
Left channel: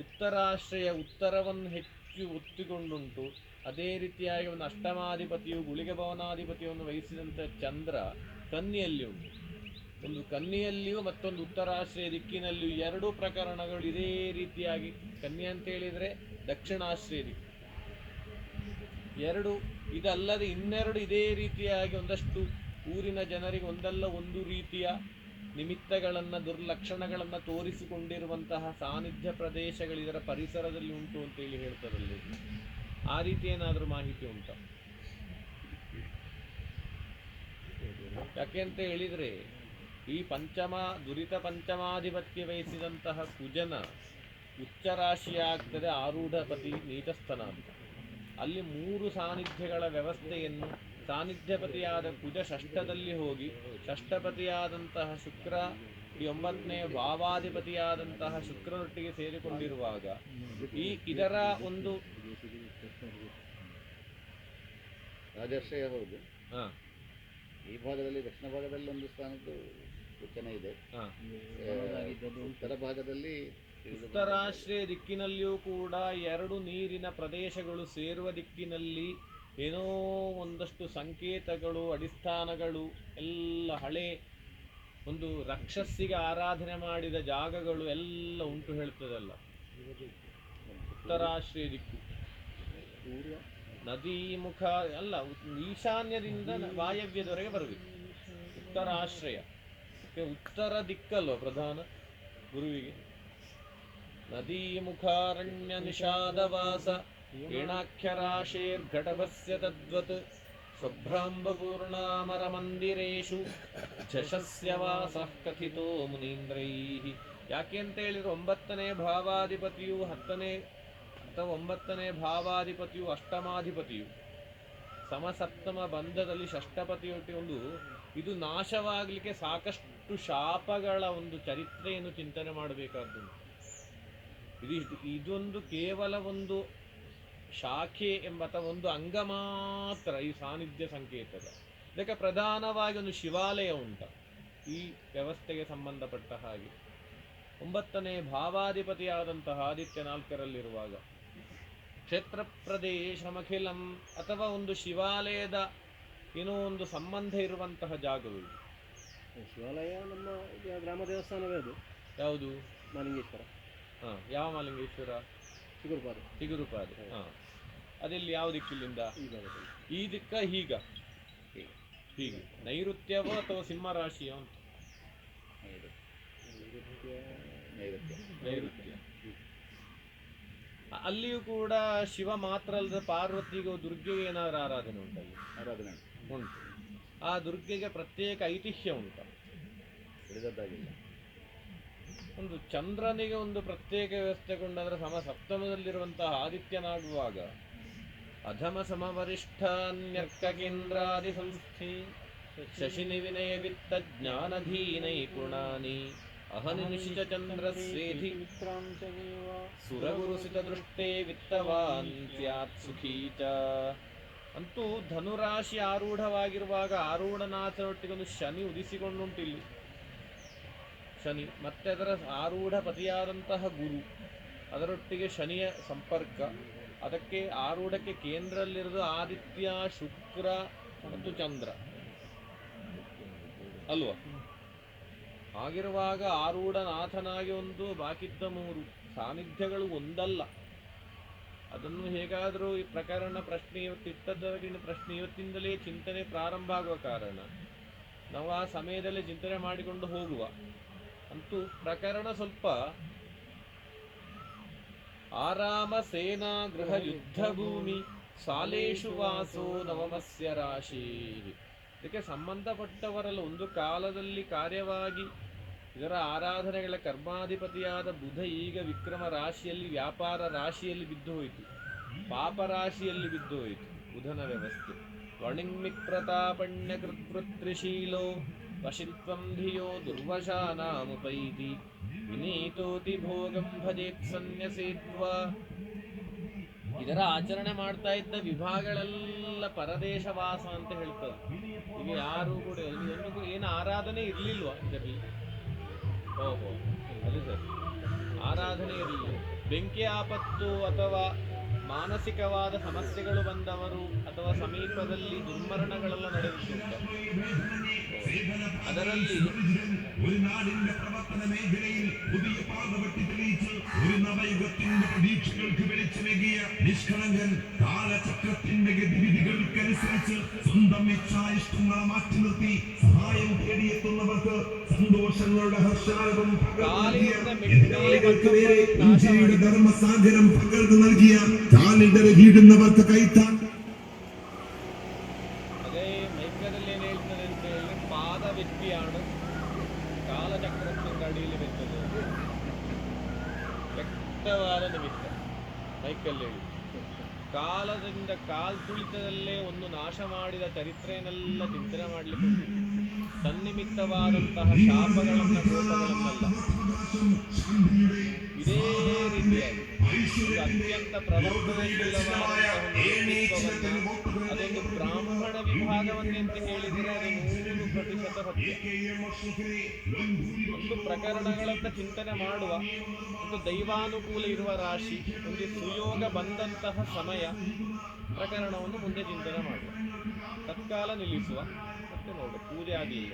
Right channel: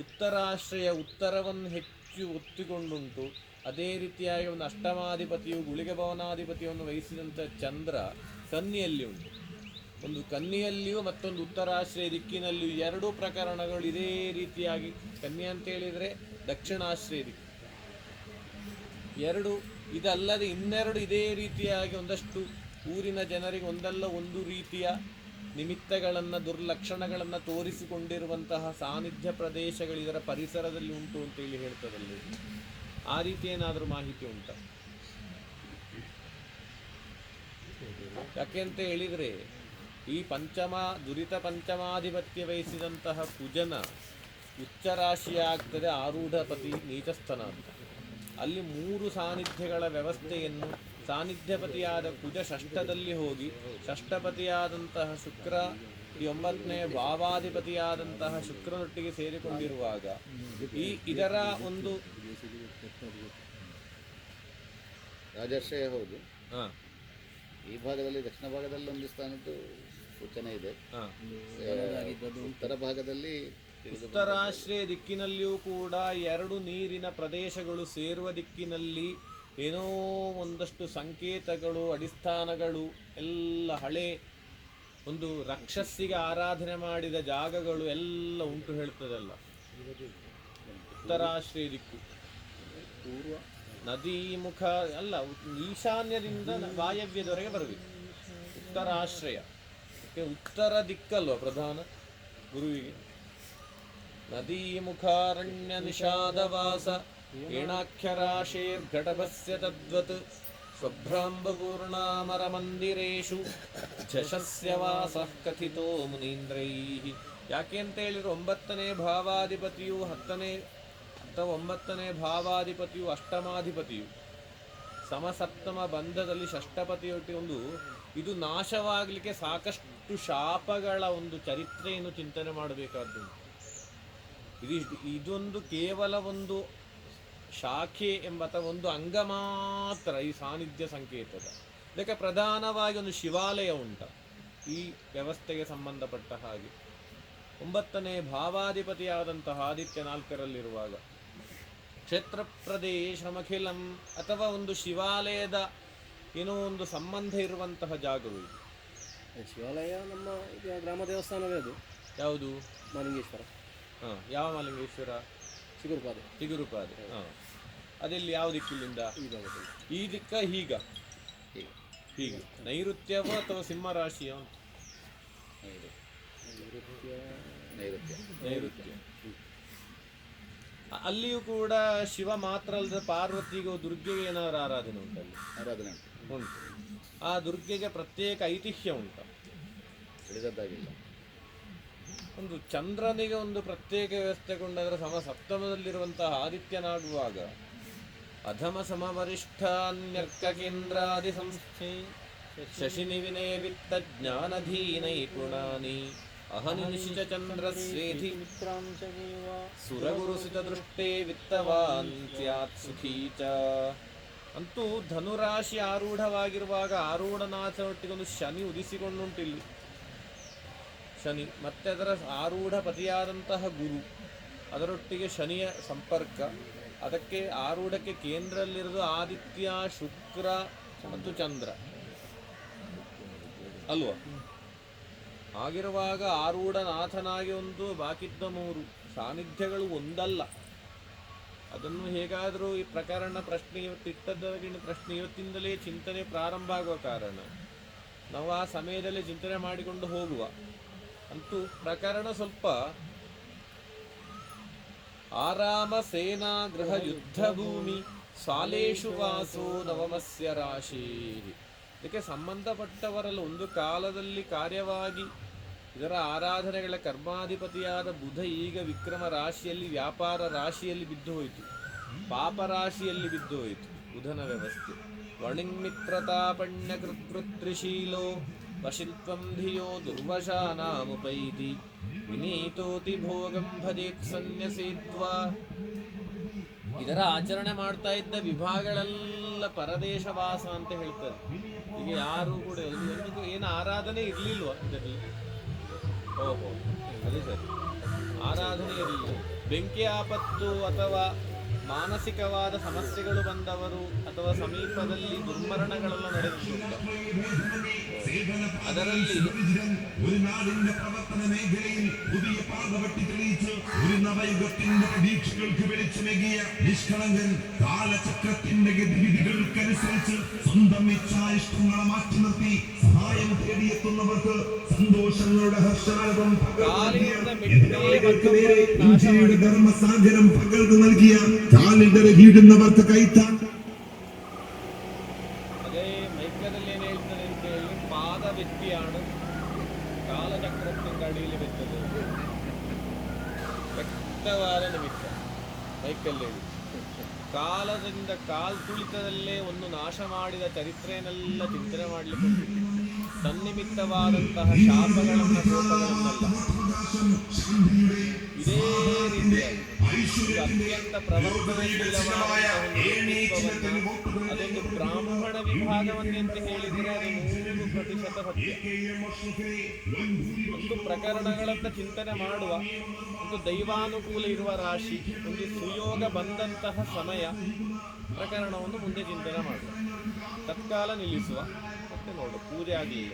ಉತ್ತರಾಶ್ರಯ ಉತ್ತರವನ್ನು ಹೆಚ್ಚು ಒತ್ತಿಕೊಂಡುಂಟು. ಅದೇ ರೀತಿಯಾಗಿ ಒಂದು ಅಷ್ಟಮಾಧಿಪತಿಯು ಗುಳಿಗೆ ಭವನಾಧಿಪತಿಯನ್ನು ವಹಿಸಿದಂಥ ಚಂದ್ರ ಕನ್ನಿಯಲ್ಲಿ ಉಂಟು. ಒಂದು ಕನ್ನಿಯಲ್ಲಿಯೂ ಮತ್ತೊಂದು ಉತ್ತರಾಶ್ರಯ ದಿಕ್ಕಿನಲ್ಲಿಯೂ 2 ಪ್ರಕರಣಗಳು ಇದೇ ರೀತಿಯಾಗಿ. ಕನ್ನಿ ಅಂತ ಹೇಳಿದರೆ ದಕ್ಷಿಣಾಶ್ರಯ ದಿಕ್ಕು 2. ಇದಲ್ಲದೆ ಇನ್ನೆರಡು ಇದೇ ರೀತಿಯಾಗಿ ಒಂದಷ್ಟು ಊರಿನ ಜನರಿಗೆ ಒಂದಲ್ಲ ಒಂದು ರೀತಿಯ ನಿಮಿತ್ತಗಳನ್ನು ದುರ್ಲಕ್ಷಣಗಳನ್ನು ತೋರಿಸಿಕೊಂಡಿರುವಂತಹ ಸಾನ್ನಿಧ್ಯ ಪ್ರದೇಶಗಳು ಇದರ ಪರಿಸರದಲ್ಲಿ ಉಂಟು ಅಂತೇಳಿ ಹೇಳ್ತಾರಲ್ಲಿ, ಆ ರೀತಿ ಏನಾದರೂ ಮಾಹಿತಿ ಉಂಟಾ? ಯಾಕೆಂತ ಹೇಳಿದರೆ ಈ ದುರಿತ ಪಂಚಮಾಧಿಪತ್ಯ ವಹಿಸಿದಂತಹ ಕುಜನ ಉಚ್ಚರಾಶಿಯ ಆಗ್ತದೆ ಆರೂಢಪತಿ ನೀಚಸ್ಥನ ಅಂತ. ಅಲ್ಲಿ 3 ಸಾನ್ನಿಧ್ಯಗಳ ವ್ಯವಸ್ಥೆಯನ್ನು ಸಾನ್ನಿಧ್ಯಪತಿಯಾದ ಕುಜ ಷಷ್ಠದಲ್ಲಿ ಹೋಗಿ ಷಷ್ಠಪತಿಯಾದಂತಹ ಶುಕ್ರ ಈ 9ನೇ ಭಾವಾಧಿಪತಿಯಾದಂತಹ ಶುಕ್ರನೊಟ್ಟಿಗೆ ಸೇರಿಕೊಂಡಿರುವಾಗ ಇದರ ಒಂದು ರಾಜಾಶ್ರಯ ಹೌದು. ಈ ಭಾಗದಲ್ಲಿ ದಕ್ಷಿಣ ಭಾಗದಲ್ಲಿ ಒಂದು ಸ್ಥಾನದ್ದು ಸೂಚನೆ ಇದೆ. ಉತ್ತರ ಭಾಗದಲ್ಲಿ ಉತ್ತರಾಶ್ರಯ ದಿಕ್ಕಿನಲ್ಲಿಯೂ ಕೂಡ 2 ನೀರಿನ ಪ್ರದೇಶಗಳು ಸೇರುವ ದಿಕ್ಕಿನಲ್ಲಿ ಏನೋ ಒಂದಷ್ಟು ಸಂಕೇತಗಳು, ಅಡಿಸ್ಥಾನಗಳು ಎಲ್ಲ ಹಳೆ ಒಂದು ರಾಕ್ಷಸಿಗೆ ಆರಾಧನೆ ಮಾಡಿದ ಜಾಗಗಳು ಎಲ್ಲ ಉಂಟು ಹೇಳ್ತದಲ್ಲ. ಉತ್ತರಾಶ್ರಯ ದಿಕ್ಕು ನದಿ ಮುಖ ಅಲ್ಲ, ಈಶಾನ್ಯದಿಂದ ವಾಯವ್ಯದವರೆಗೆ ಬರಬೇಕು ಉತ್ತರಾಶ್ರಯ. ಉತ್ತರ ದಿಕ್ಕಲ್ವ ಪ್ರಧಾನ ಗುರುವಿಗೆ. ನದೀ ಮುಖಾರಣ್ಯ ನಿಷಾದವಾಸ ಏಣಾಖ್ಯರಾಶೇರ್ಘಟಭಸ್ಯ ತದ್ವತ್ ಸ್ವಭ್ರಾಂಬಪೂರ್ಣಾಮರ ಮಂದಿರೇಶು ಝಷಸ್ಯ ವಾಸಃ ಕಥಿತೋ ಮುನೀಂದ್ರೈಃ. ಯಾಕೆ ಅಂತ ಹೇಳಿದ್ರೆ 9ನೇ ಭಾವಾಧಿಪತಿಯು 9ನೇ ಭಾವಾಧಿಪತಿಯು ಅಷ್ಟಮಾಧಿಪತಿಯು ಸಮಸಪ್ತಮ ಬಂಧದಲ್ಲಿ ಷಷ್ಠಪತಿಯೊಟ್ಟಿಗೆ ಇದು ನಾಶವಾಗಲಿಕ್ಕೆ ಸಾಕಷ್ಟು ಶಾಪಗಳ ಒಂದು ಚರಿತ್ರೆಯನ್ನು ಚಿಂತನೆ ಮಾಡಬೇಕಾದ್ದು. ಇದೊಂದು ಕೇವಲ ಒಂದು ಶಾಖೆ ಅಥವಾ ಒಂದು ಅಂಗ ಮಾತ್ರ ಈ ಸಾನ್ನಿಧ್ಯ ಸಂಕೇತದ. ಇದಕ್ಕೆ ಪ್ರಧಾನವಾಗಿ ಒಂದು ಶಿವಾಲಯ ಉಂಟ ಈ ವ್ಯವಸ್ಥೆಗೆ ಸಂಬಂಧಪಟ್ಟ ಹಾಗೆ. 9ನೇ ಭಾವಾಧಿಪತಿಯಾದಂತಹ ಆದಿತ್ಯ 4ರಲ್ಲಿರುವಾಗ ಕ್ಷೇತ್ರ ಪ್ರದೇಶಮಖಿಲಂ ಅಥವಾ ಒಂದು ಶಿವಾಲಯದ ಏನೋ ಒಂದು ಸಂಬಂಧ ಇರುವಂತಹ ಜಾಗವು ಇದು. ಶಿವಾಲಯ ನಮ್ಮ ಗ್ರಾಮ ದೇವಸ್ಥಾನವೇ ಅದು. ಯಾವುದು? ಮಾಲಿಂಗೇಶ್ವರ. ಯಾವ ಮಾಲಿಂಗೇಶ್ವರ? ಚಿಗುರುಪಾದೆ. ಅದೆಲ್ಲಿ ಯಾವ ದಿಕ್ಕಿಲ್ಲಿಂದ? ಈ ದಿಕ್ಕ ಹೀಗೆ ನೈಋತ್ಯವೋ ಅಥವಾ ಸಿಂಹ ರಾಶಿಯೋ? ನೈಋತ್ಯ. ಅಲ್ಲಿಯೂ ಕೂಡ ಶಿವ ಮಾತ್ರ ಅಲ್ಲದೆ ಪಾರ್ವತಿಗೂ ದುರ್ಗೆಗೆ ಏನಾದರೂ ಆರಾಧನೆ ಉಂಟಲ್ಲಿ? ಆರಾಧನೆ ಉಂಟು. ಆ ದುರ್ಗೆಗೆ ಪ್ರತ್ಯೇಕ ಐತಿಹ್ಯ ಉಂಟು. ಒಂದು ಚಂದ್ರನಿಗೆ ಒಂದು ಪ್ರತ್ಯೇಕ ವ್ಯವಸ್ಥೆಗೊಂಡಾದರೆ ಸಪ್ತಮದಲ್ಲಿರುವಂತಹ ಆದಿತ್ಯನಾಗುವಾಗ ಅಧಮ ಸಮವರಿಷ್ಠಾನ್ಯರ್ಕ ಕೇಂದ್ರಾದಿ ಸಂಸ್ಥೆ ಶಶಿನಿ ವಿನಯ ವಿತ್ತ ಜ್ಞಾನಧೀನೈ ಪುಣಾನಿ ಅಹನಿ ನಿಶಿಚ ಚಂದ್ರಸ್ವೇಧಿ ಸುರಗುರುಸಿತ ದೃಷ್ಟೇ ವಿತ್ತವಾನ್ ಸ್ಯಾತ್ ಸುಖೀ ಚ. ಅಂತೂ ಧನುರಾಶಿ ಆರೂಢವಾಗಿರುವಾಗ ಆರೂಢನಾಥನೊಟ್ಟಿಗೆ ಒಂದು ಶನಿ ಉದಿಸಿಕೊಂಡುಂಟಿಲ್ಲಿ. ಶನಿ ಮತ್ತೆ ಅದರ ಆರೂಢ ಪತಿಯಾದಂತಹ ಗುರು, ಅದರೊಟ್ಟಿಗೆ ಶನಿಯ ಸಂಪರ್ಕ. ಅದಕ್ಕೆ ಆರೂಢಕ್ಕೆ ಕೇಂದ್ರದಲ್ಲಿರೋದು ಆದಿತ್ಯ, ಶುಕ್ರ ಮತ್ತು ಚಂದ್ರ ಅಲ್ವಾ? ಆಗಿರುವಾಗ ಆರೂಢನಾಥನಾಗಿ ಒಂದು, ಬಾಕಿದ್ದ 3 ಸಾನ್ನಿಧ್ಯಗಳು ಒಂದಲ್ಲ. ಅದನ್ನು ಹೇಗಾದರೂ ಈ ಪ್ರಕರಣ ಪ್ರಶ್ನೆ ಇವತ್ತಿಟ್ಟದವರಿಗಿನ ಪ್ರಶ್ನೆ ಇವತ್ತಿಂದಲೇ ಚಿಂತನೆ ಪ್ರಾರಂಭ ಆಗುವ ಕಾರಣ ನಾವು ಆ ಸಮಯದಲ್ಲೇ ಚಿಂತನೆ ಮಾಡಿಕೊಂಡು ಹೋಗುವ. ಅಂತೂ ಪ್ರಕರಣ ಸ್ವಲ್ಪ ಆರಾಮ ಸೇನಾ ಗೃಹ ಯುದ್ಧ ಭೂಮಿ ಸಾಲೇಶು ವಾಸೋ ನವಮಸ್ಯ ರಾಶಿ. ಇದಕ್ಕೆ ಸಂಬಂಧಪಟ್ಟವರಲ್ಲ ಒಂದು ಕಾಲದಲ್ಲಿ ಕಾರ್ಯವಾಗಿ ಇದರ ಆರಾಧನೆಗಳ ಕರ್ಮಾಧಿಪತಿಯಾದ ಬುಧ ಈಗ ವಿಕ್ರಮ ರಾಶಿಯಲ್ಲಿ, ವ್ಯಾಪಾರ ರಾಶಿಯಲ್ಲಿ ಬಿದ್ದು ಹೋಯಿತು, ಪಾಪ ರಾಶಿಯಲ್ಲಿ ಬಿದ್ದು ಹೋಯಿತು ಬುಧನ ವ್ಯವಸ್ಥೆ. ವರ್ಣಿಂಗ್ಮಿತ್ರತಾಪಣ್ಯ ಕೃತ್ಪೃತ್ರಿಶೀಲೋ ವಶಿತ್ವಂ ಧಿಯೋ ದುರ್ವಶಾನಾಮುಪೈತಿ ವಿನೀತೋತಿ ಭೋಗಂ ಭಜೇತ್ ಸನ್ಯಸೇತ್ವಾ. ಇದರ ಆಚರಣೆ ಮಾಡ್ತಾ ಇದ್ದ ವಿಭಾಗಗಳೆಲ್ಲ ಪರದೇಶವಾಸ ಅಂತ ಹೇಳ್ತಾರೆ. ಈಗ ಯಾರು ಕೂಡ ಒಂದು ಏನು ಆರಾಧನೆ ಇರಲಿಲ್ವ ಇದರಲ್ಲಿ? ಓಹೋ, ಅದೇ ಸರಿ, ಆರಾಧನೆ ಇರಲಿಲ್ಲ. ಬೆಂಕಿ ಆಪತ್ತು ಅಥವಾ ಮಾನಸಿಕವಾದ ಸಮಸ್ಯೆಗಳು ಬಂದವರು ಅಥವಾ ಸಮೀಪದಲ್ಲಿ ದುರ್ಮರಣಗಳೆಲ್ಲ ನಡೆದಿದ್ದುಂಟು. ಅದರಲ್ಲಿ ഒരു നാടിന്റെ പ്രവർത്തന മേഖലയിൽ പുതിയ പാതവട്ടി തെളിയിച്ച് ഒരു നവയുഗത്തിന്റെ പ്രതീക്ഷകൾക്ക് വെളിച്ചമേകിയ നിഷ്കളങ്കൻ കാലചക്രത്തിന്റെ ഗതിവിധികൾക്കനുസരിച്ച് സ്വന്തം ഇച്ഛായിഷ്ടങ്ങളെ മാറ്റി നിർത്തി സഹായം തേടിയെത്തുന്നവർക്ക് സന്തോഷങ്ങളുടെ ഹർഷാരവം ഇന്ത്യയുടെ ധർമ്മസാഗരം പകർന്നു നൽകിയ കാലിടർ വീടുന്നവർക്ക് കൈത്താൻ. ಅದೇ ಮೈಕದಲ್ಲಿ ಏನು ಹೇಳ್ತಾರೆ ಅಂತ ಹೇಳಿದ್ರೆ, ಪಾದ ವ್ಯಕ್ತಿയാണ് ಕಾಲಚಕ್ರത്തിന്റെ ಅಡಿಯಲ್ಲಿ ಬೆಟ್ಟದು ವ್ಯಕ್ತವಾದ ನಿಮಿತ್ತ. ಮೈಕಲ್ಲಿ ಹೇಳಿ ಕಾಲದಿಂದ ತುಳಿತದಲ್ಲೇ ಒಂದು ನಾಶ ಮಾಡಿದ ಚರಿತ್ರೆಯನ್ನೆಲ್ಲ ಚಿಂತನೆ ಮಾಡಲಿಕ್ಕೆ ತನ್ನಿಮಿತ್ತವಾದಂತಹ ಶಾಪಗಳನ್ನ ಕೋಪಗಳನ್ನಲ್ಲ. ಇದೇ ರೀತಿಯಾಗಿ ಅತ್ಯಂತ ಪ್ರವರ್ತನಶೀಲವಾದಂತಹ ವ್ಯಕ್ತಿತ್ವವನ್ನ ಅದೊಂದು ಬ್ರಾಹ್ಮಣ ವಿಭಾಗವನ್ನೇ ಅಂತ ಹೇಳಿದರೆ ಅದು 100% ಸತ್ಯ. ಒಂದು ಪ್ರಕರಣಗಳನ್ನ ಚಿಂತನೆ ಮಾಡುವ, ಒಂದು ದೈವಾನುಕೂಲ ಇರುವ ರಾಶಿ, ಒಂದು ಸುಯೋಗ ಬಂದಂತಹ ಸಮಯ ಪ್ರಕರಣವನ್ನು ಮುಂದೆ ಚಿಂತನೆ ಮಾಡುವ, ತತ್ಕಾಲ ನಿಲ್ಲಿಸುವ, ಮತ್ತೆ ನೋಡು ಪೂಜೆ ಆಗಲಿಲ್ಲ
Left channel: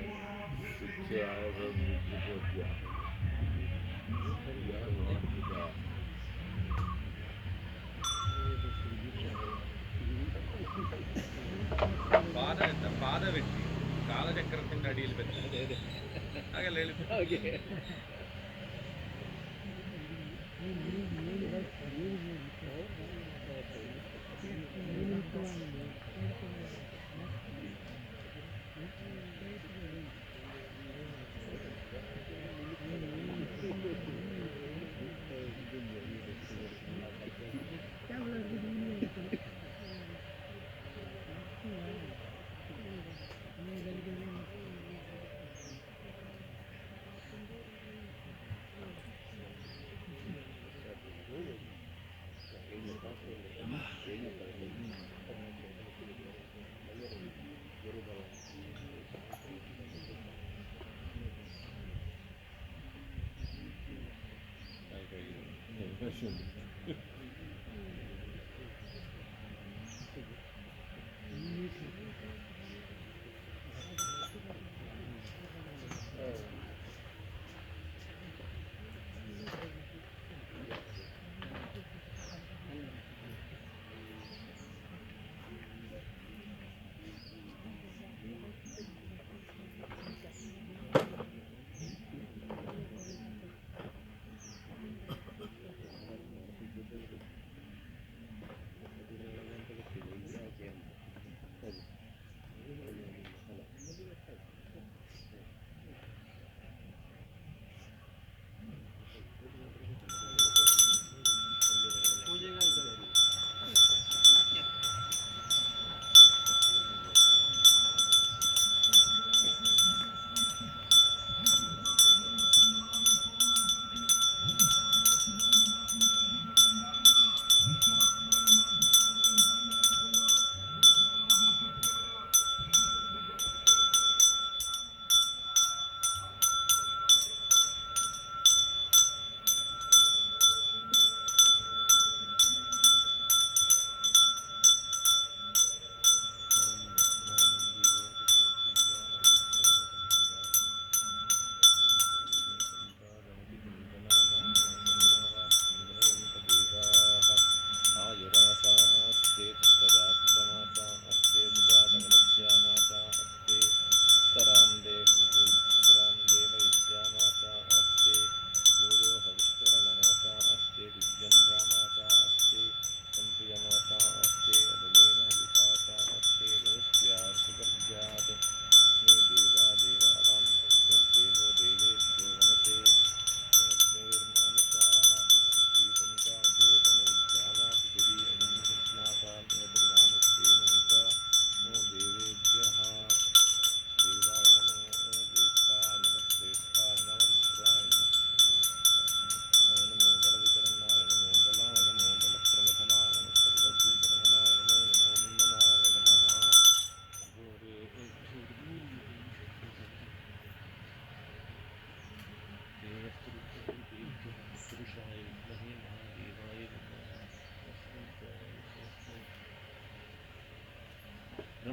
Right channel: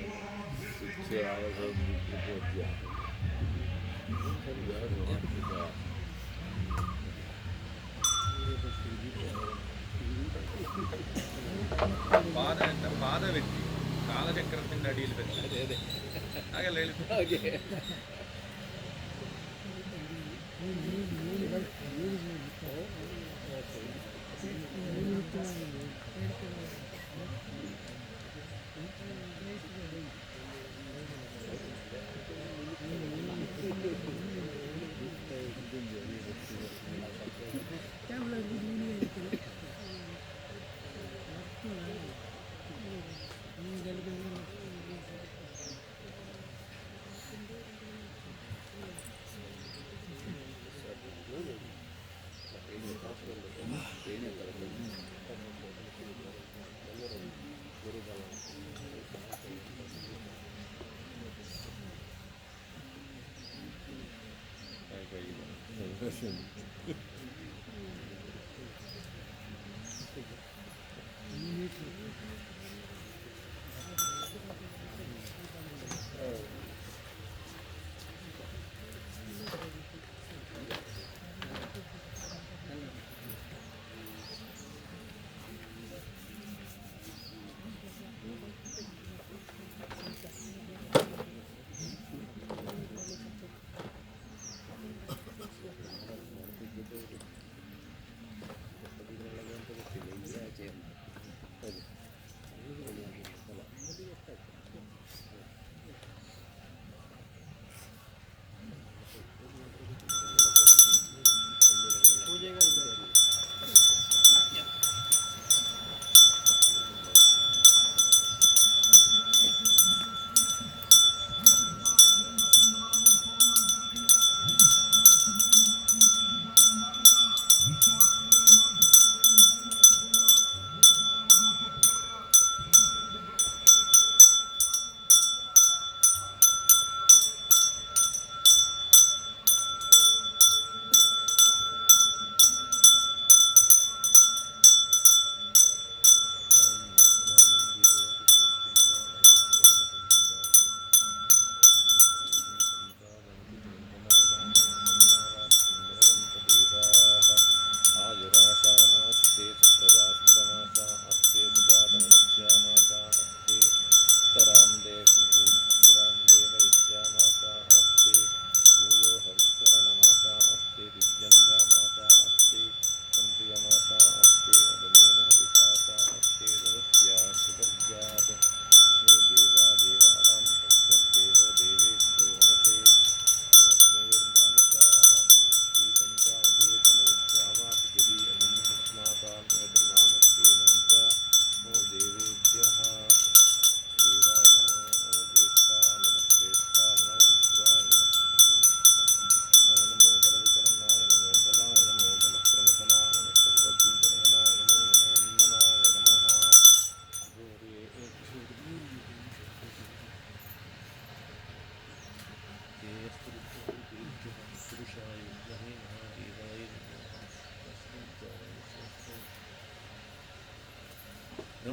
ಪಾದ ವ್ಯಕ್ತಿ ಕಾಲಚಕ್ರത്തിന്റെ ಅಡಿയിൽ ಬರ್ತದೆ ಹಾಗೆಲ್ಲ ಹೇಳಿದ್ರು. ಹಾಗೆ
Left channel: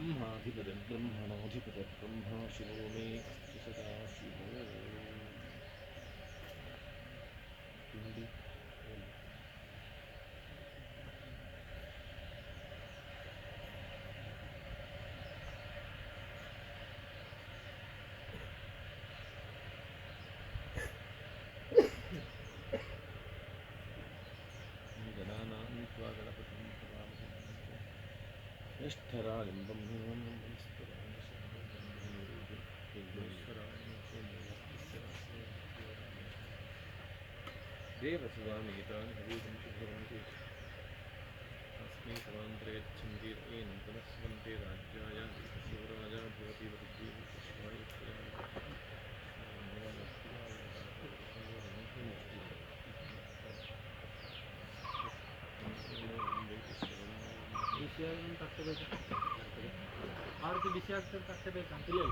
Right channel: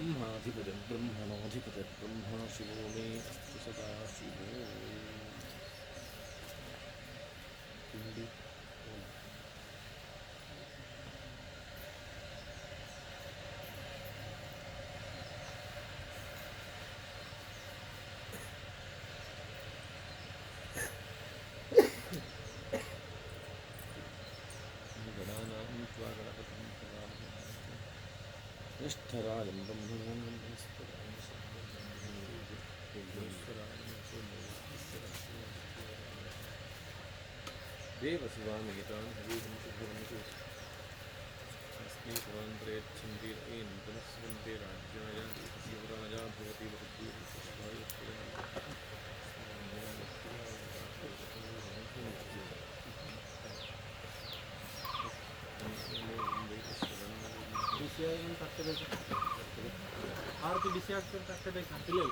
ಬ್ರಹ್ಮಾಧಿಪತಿ ಬ್ರಹ್ಮಣೋಧಿಪತಿ ಬ್ರಹ್ಮಣ ಶಿವೋ ಮೇ ಅಸ್ತು ಸದಾ ಶಿವೋ ಕಿಂಡಿ ಜ್ಯೇಷ್ಠರಾಜಂ ದೇವಸುವಾಮೇತಾನ್ ಹರಿಂ ಶುಭರಂತೆ ತಸ್ಮೈ ಸರ್ವಾಂತರೇಚ್ಛಂತಿ ಏನಂ ತಮಸ್ವಂತೆ ರಾಜ್ಯಾಯ ಶಿವರಾಜ ಭವತಿ ಬಹುದ್ವೀಪ ಪುಷ್ಪಾಯ ಡಿಸಿಯಾಗಿ ತಟ್ಟಬೇಕು ಆರತಿ ಬಿಸಿ ಆಗ್ತದೆ ತಟ್ಟಬೇಕಂತ ಇಲ್ಲ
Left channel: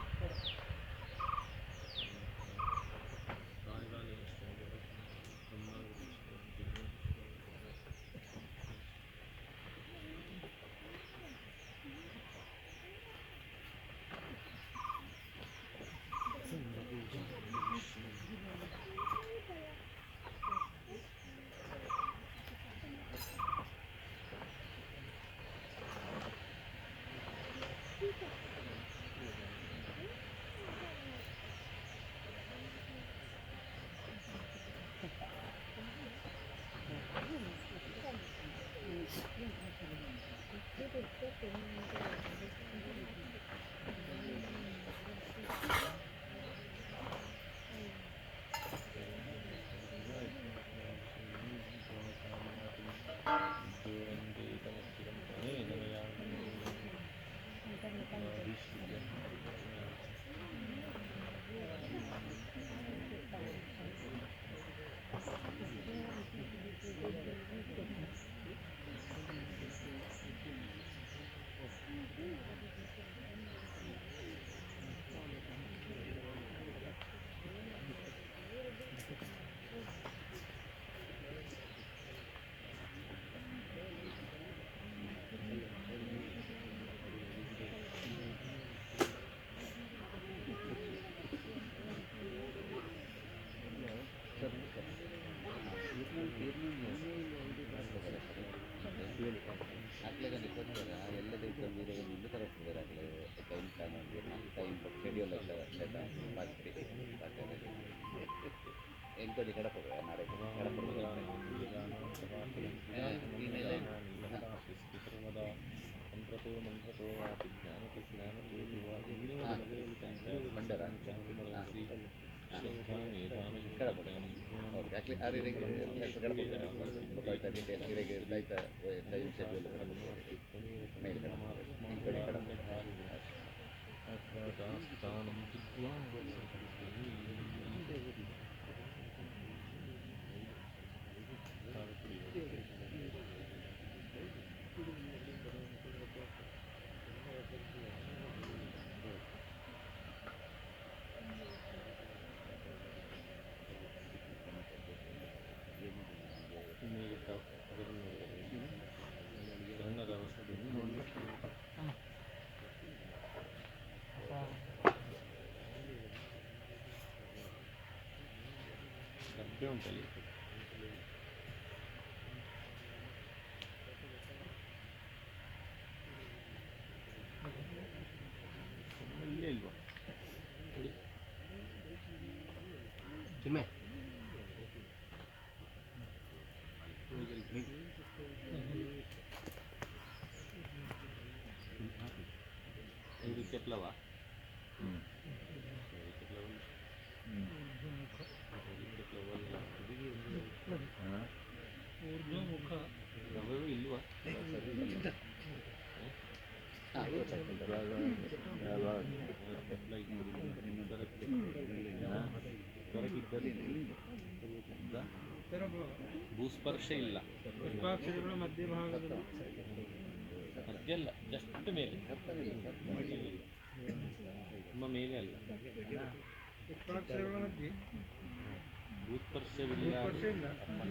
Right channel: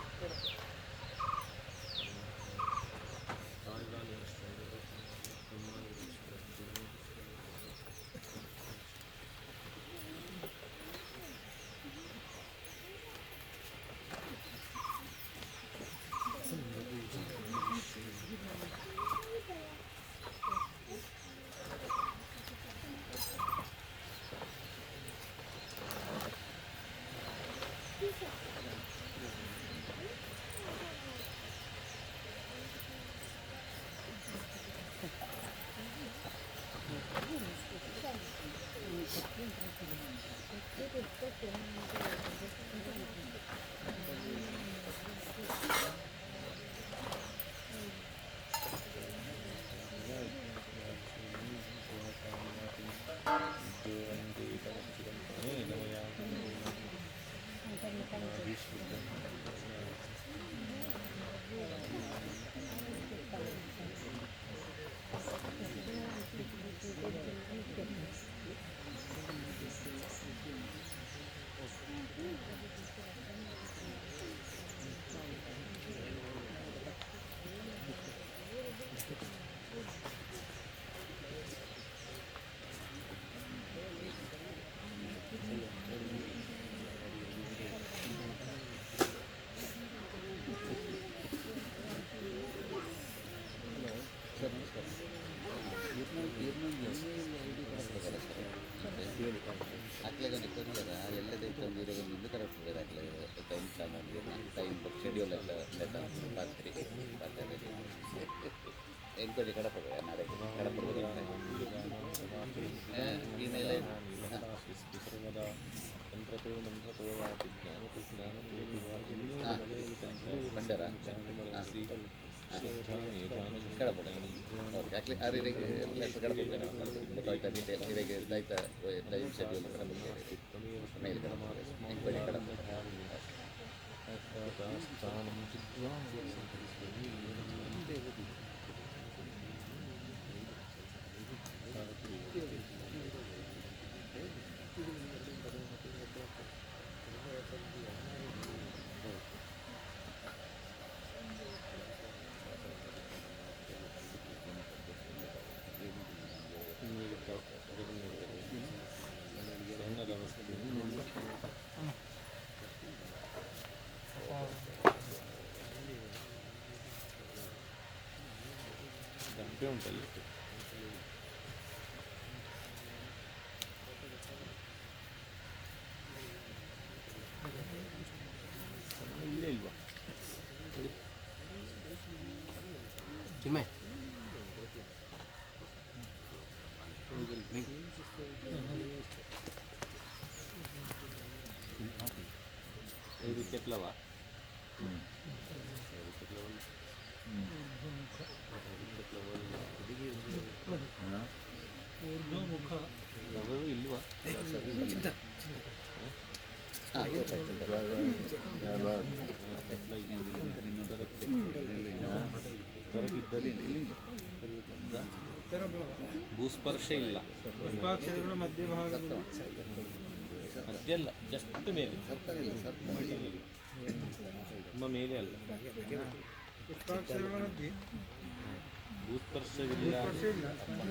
ಎಂಕ್ವೈರಿ ಕಡಪದ ನಾಳೆ ಮಂತ್ರತೋ ಮಂತ್ರತೋ ವಾತಿ ಜ್ಞಾನತೋ ಜ್ಞಾನತೋ ದಿವಾ ಇನ್ನೂ ನಮಗೆ ಮಂಡರ ಶ್ರೀ ಶ್ರದ್ಧಾ ಮೇಧಾನ ಸ್ಥಾನಂ ಚಿದ್ವಾ ಡಬ್ಬೆ ಉಂಟಲ್ಲಿ ಇಲ್ಲೇ ಇಲ್ವಾ ಚಿಮ್ಮೆ ಇದು ಕೆಟ್ಲವ ಮುಖ ಇಲ್ವಾ ಭೂಸ್ಪರ್ಶ ಇಲ್ಲ ಪುಷ್ಪಾಕ್ಷರಗಳ ಮಧ್ಯಭಾಗದಲ್ಲಿ ಮಧ್ಯ ಅಲ್ಲ ಜಸ್ಟ್ ಮೇಲೆ ತುಂಬ ಮೇಲೆ ಅಲ್ಲ ಪುಷ್ಪಾಕ್ಷರಗಳ ಮಧ್ಯೆ ಭೂಸ್ಪರ್ಶವಿಲ್ಲ ಇಲ್ಲ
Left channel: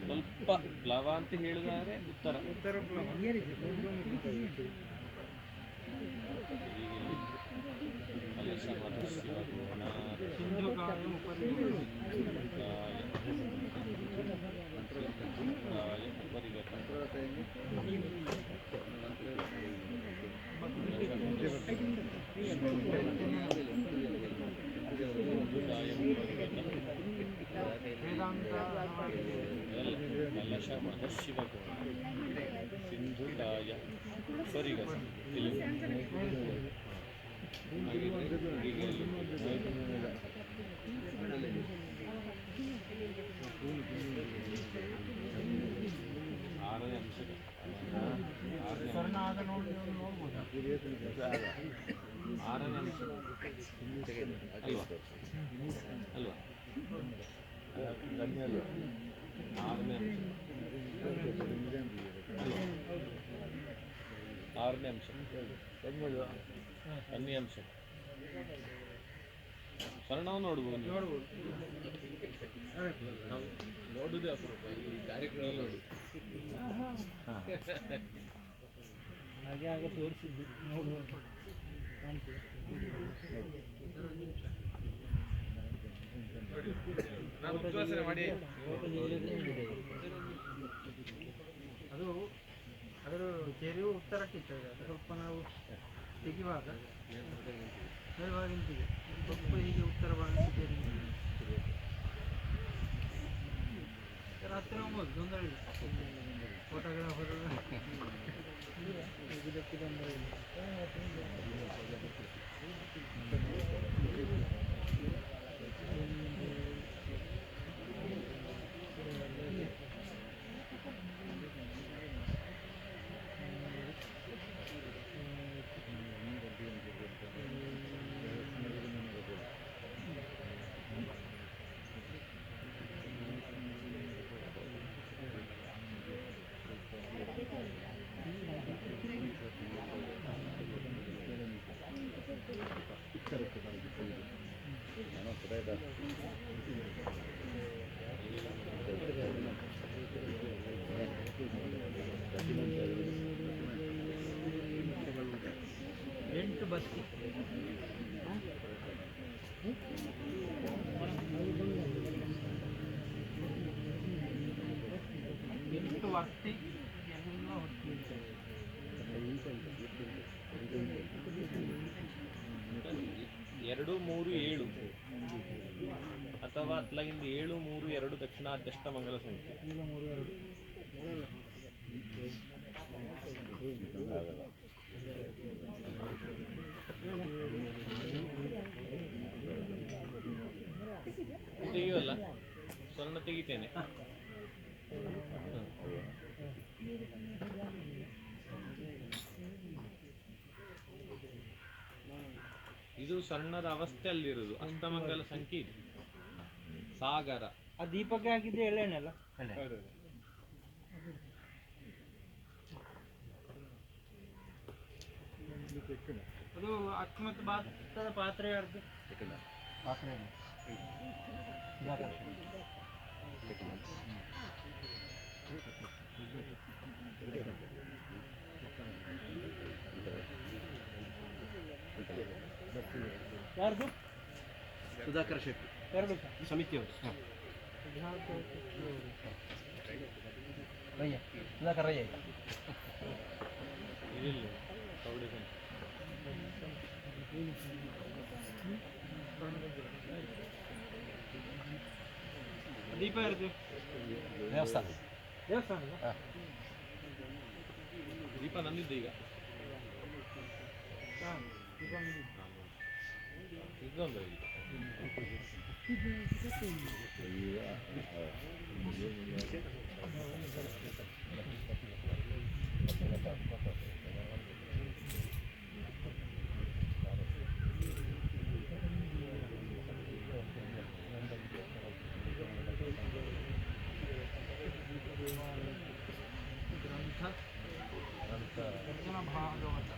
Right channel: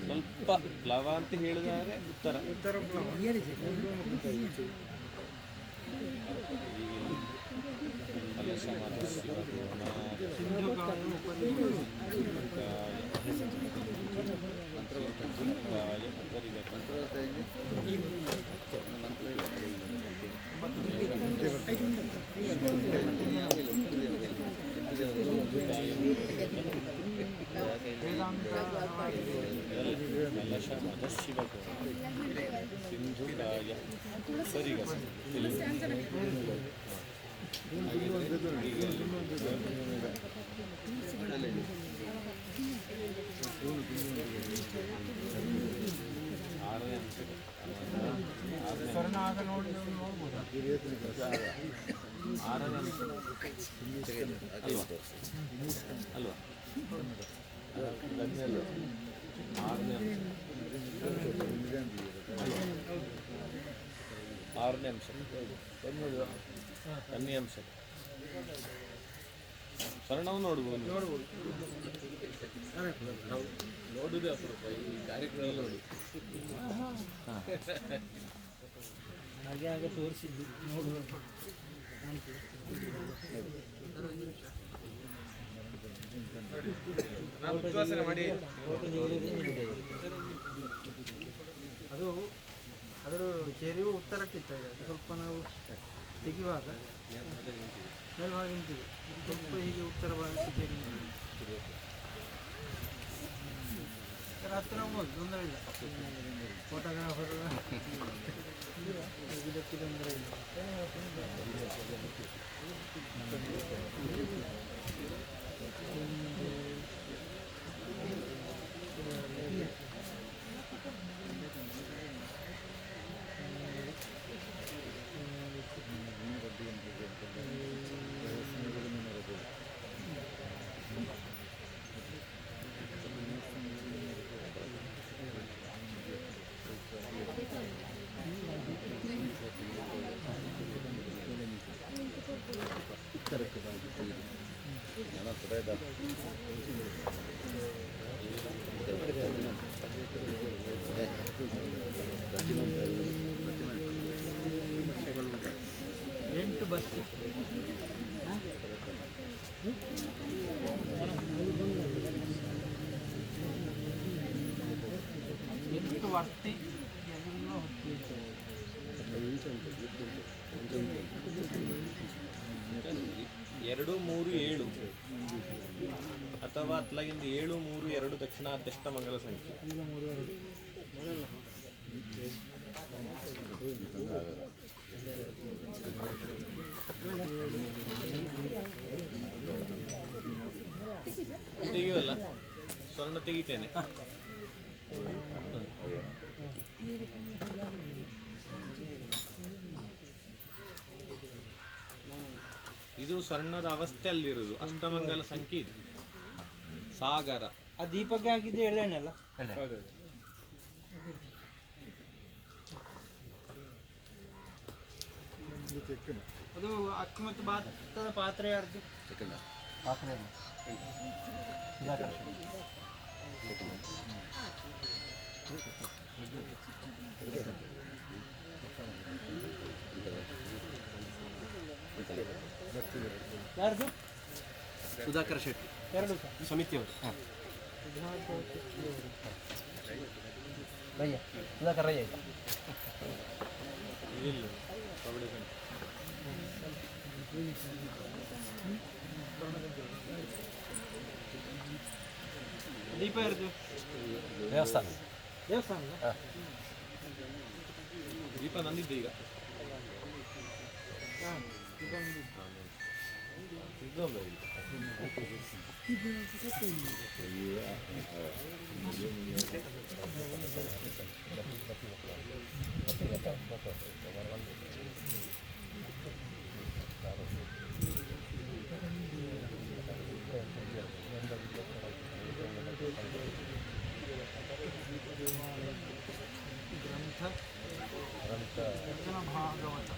ಸ್ವಲ್ಪ ಪ್ಲವ ಅಂತ ಹೇಳಿದರೆ ಉತ್ತರ ಉತ್ತರ ಪ್ಲವ ಹೀಗಿಲ್ಲಿ ಕಲಶ ಮತ ಶಿವಕೋಣ ಸಿಂಧುಕಾಯ ಉಪರಿಗತ ಕಲಶ ಮತ ಶಿವಕೋಣ ಸಿಂಧುಕಾಯ ಉಪರಿಗತ ಇಲ್ಲಿ ಹಾಗಿದ್ರೆ ಈಗ ಅಲ್ಲಿ ಆರನೇ ಅಂಶಕ್ಕೆ ಆರನೇ ಅಂಶ ಅಲ್ವಾ ಅಲ್ವಾ ಆರನೇ ಅಂಶ ಆರನೇ ಅಂಶ ಕನ್ನಿ ಅಂಶ ಸ್ವರ್ಣವನ್ನು ನೋಡ್ಬೋದು ನಾವು ನೋಡುವುದೇ ಅಪರೂಪ ಈ ಕಾರ್ಯಕ್ರಮ ನೋಡಿ ಹಾಗೆ ಹಾಗೆ ತೋರಿಸಿದ್ದು ನೋಡುವ ಉದ್ವಾಸನೆ ಮಾಡಿ ಅದು ಅದರ ಚೆರಿವು ಉತ್ತರಕ್ಕಿತ್ತು ಅದು ಸ್ವಲ್ಪ ನಾವು ತೆಗೆಯುವಾಗ ಮೇಲ್ಭಾಗ ನಿಂತಿದೆ ಸ್ವಲ್ಪ ಹೀಗೆ ಉತ್ತರ ಭಾಗಕ್ಕೆ ಚೆರಿ ಹತ್ತಿರ ಹೋಗ್ಬೋದು ತೊಂದರೆ ಇಲ್ಲ ಫೋಟೋಗ್ರಾಫರ್ ಇದಕ್ಕೆ ತೊಂದರೆ ಇಲ್ಲ ಎಂಟು ಬಸ್ ಎಂಟು ವರ್ತಿ ಎಲ್ಲ ಹೊತ್ತಿತ್ತು 2, 3, 7 ಅಥವಾ ಅತ್ಲಾಗಿಂದ 7, 3, 2 ದಕ್ಷಿಣಾಧ್ಯಷ್ಟ ಮಂಗಲ ಸಂಖ್ಯೆ. ತೆಗೆಯುವಲ್ಲ, ಸ್ವರ್ಣ ತೆಗಿತೇನೆ. ಇದು ಸ್ವರ್ಣದ ಅವಸ್ಥೆಯಲ್ಲಿರುವುದು, ಅಷ್ಟಮಂಗಲ ಸಂಖ್ಯೆ ಇದು. ಸಾಗರ ಆ ದೀಪಕ್ಕೆ ಹಾಕಿದ್ದೆ ಎಳ್ಳೆಣ್ಣೆಲ್ಲ. ಅದು 19 ಭಾರತದ ಪಾತ್ರೆ ಯಾರ್ದು? ಪಾತ್ರೆ ಯಾರ್ದು? ಸುಧಾಕರ ಶೆಟ್ಟಿ, ಎರಡು ಸಮಿತಿಯವರು. ಸುಧಾಕರ್ ರಯ್ಯ ಇದಿಲ್ಲ ಕಬಡ್ಡಿ ಸಂಖ್ಯೆ. ದೀಪ ಯಾರ್ದು? ದೇವಸ್ಥಾನ. ದೇವಸ್ಥಾನ ದೀಪ ನಂದಿದ್ದು ಈಗ ಇದೊಂದು ಈಗ ಗ್ರಂಥ ಭಾಗವತ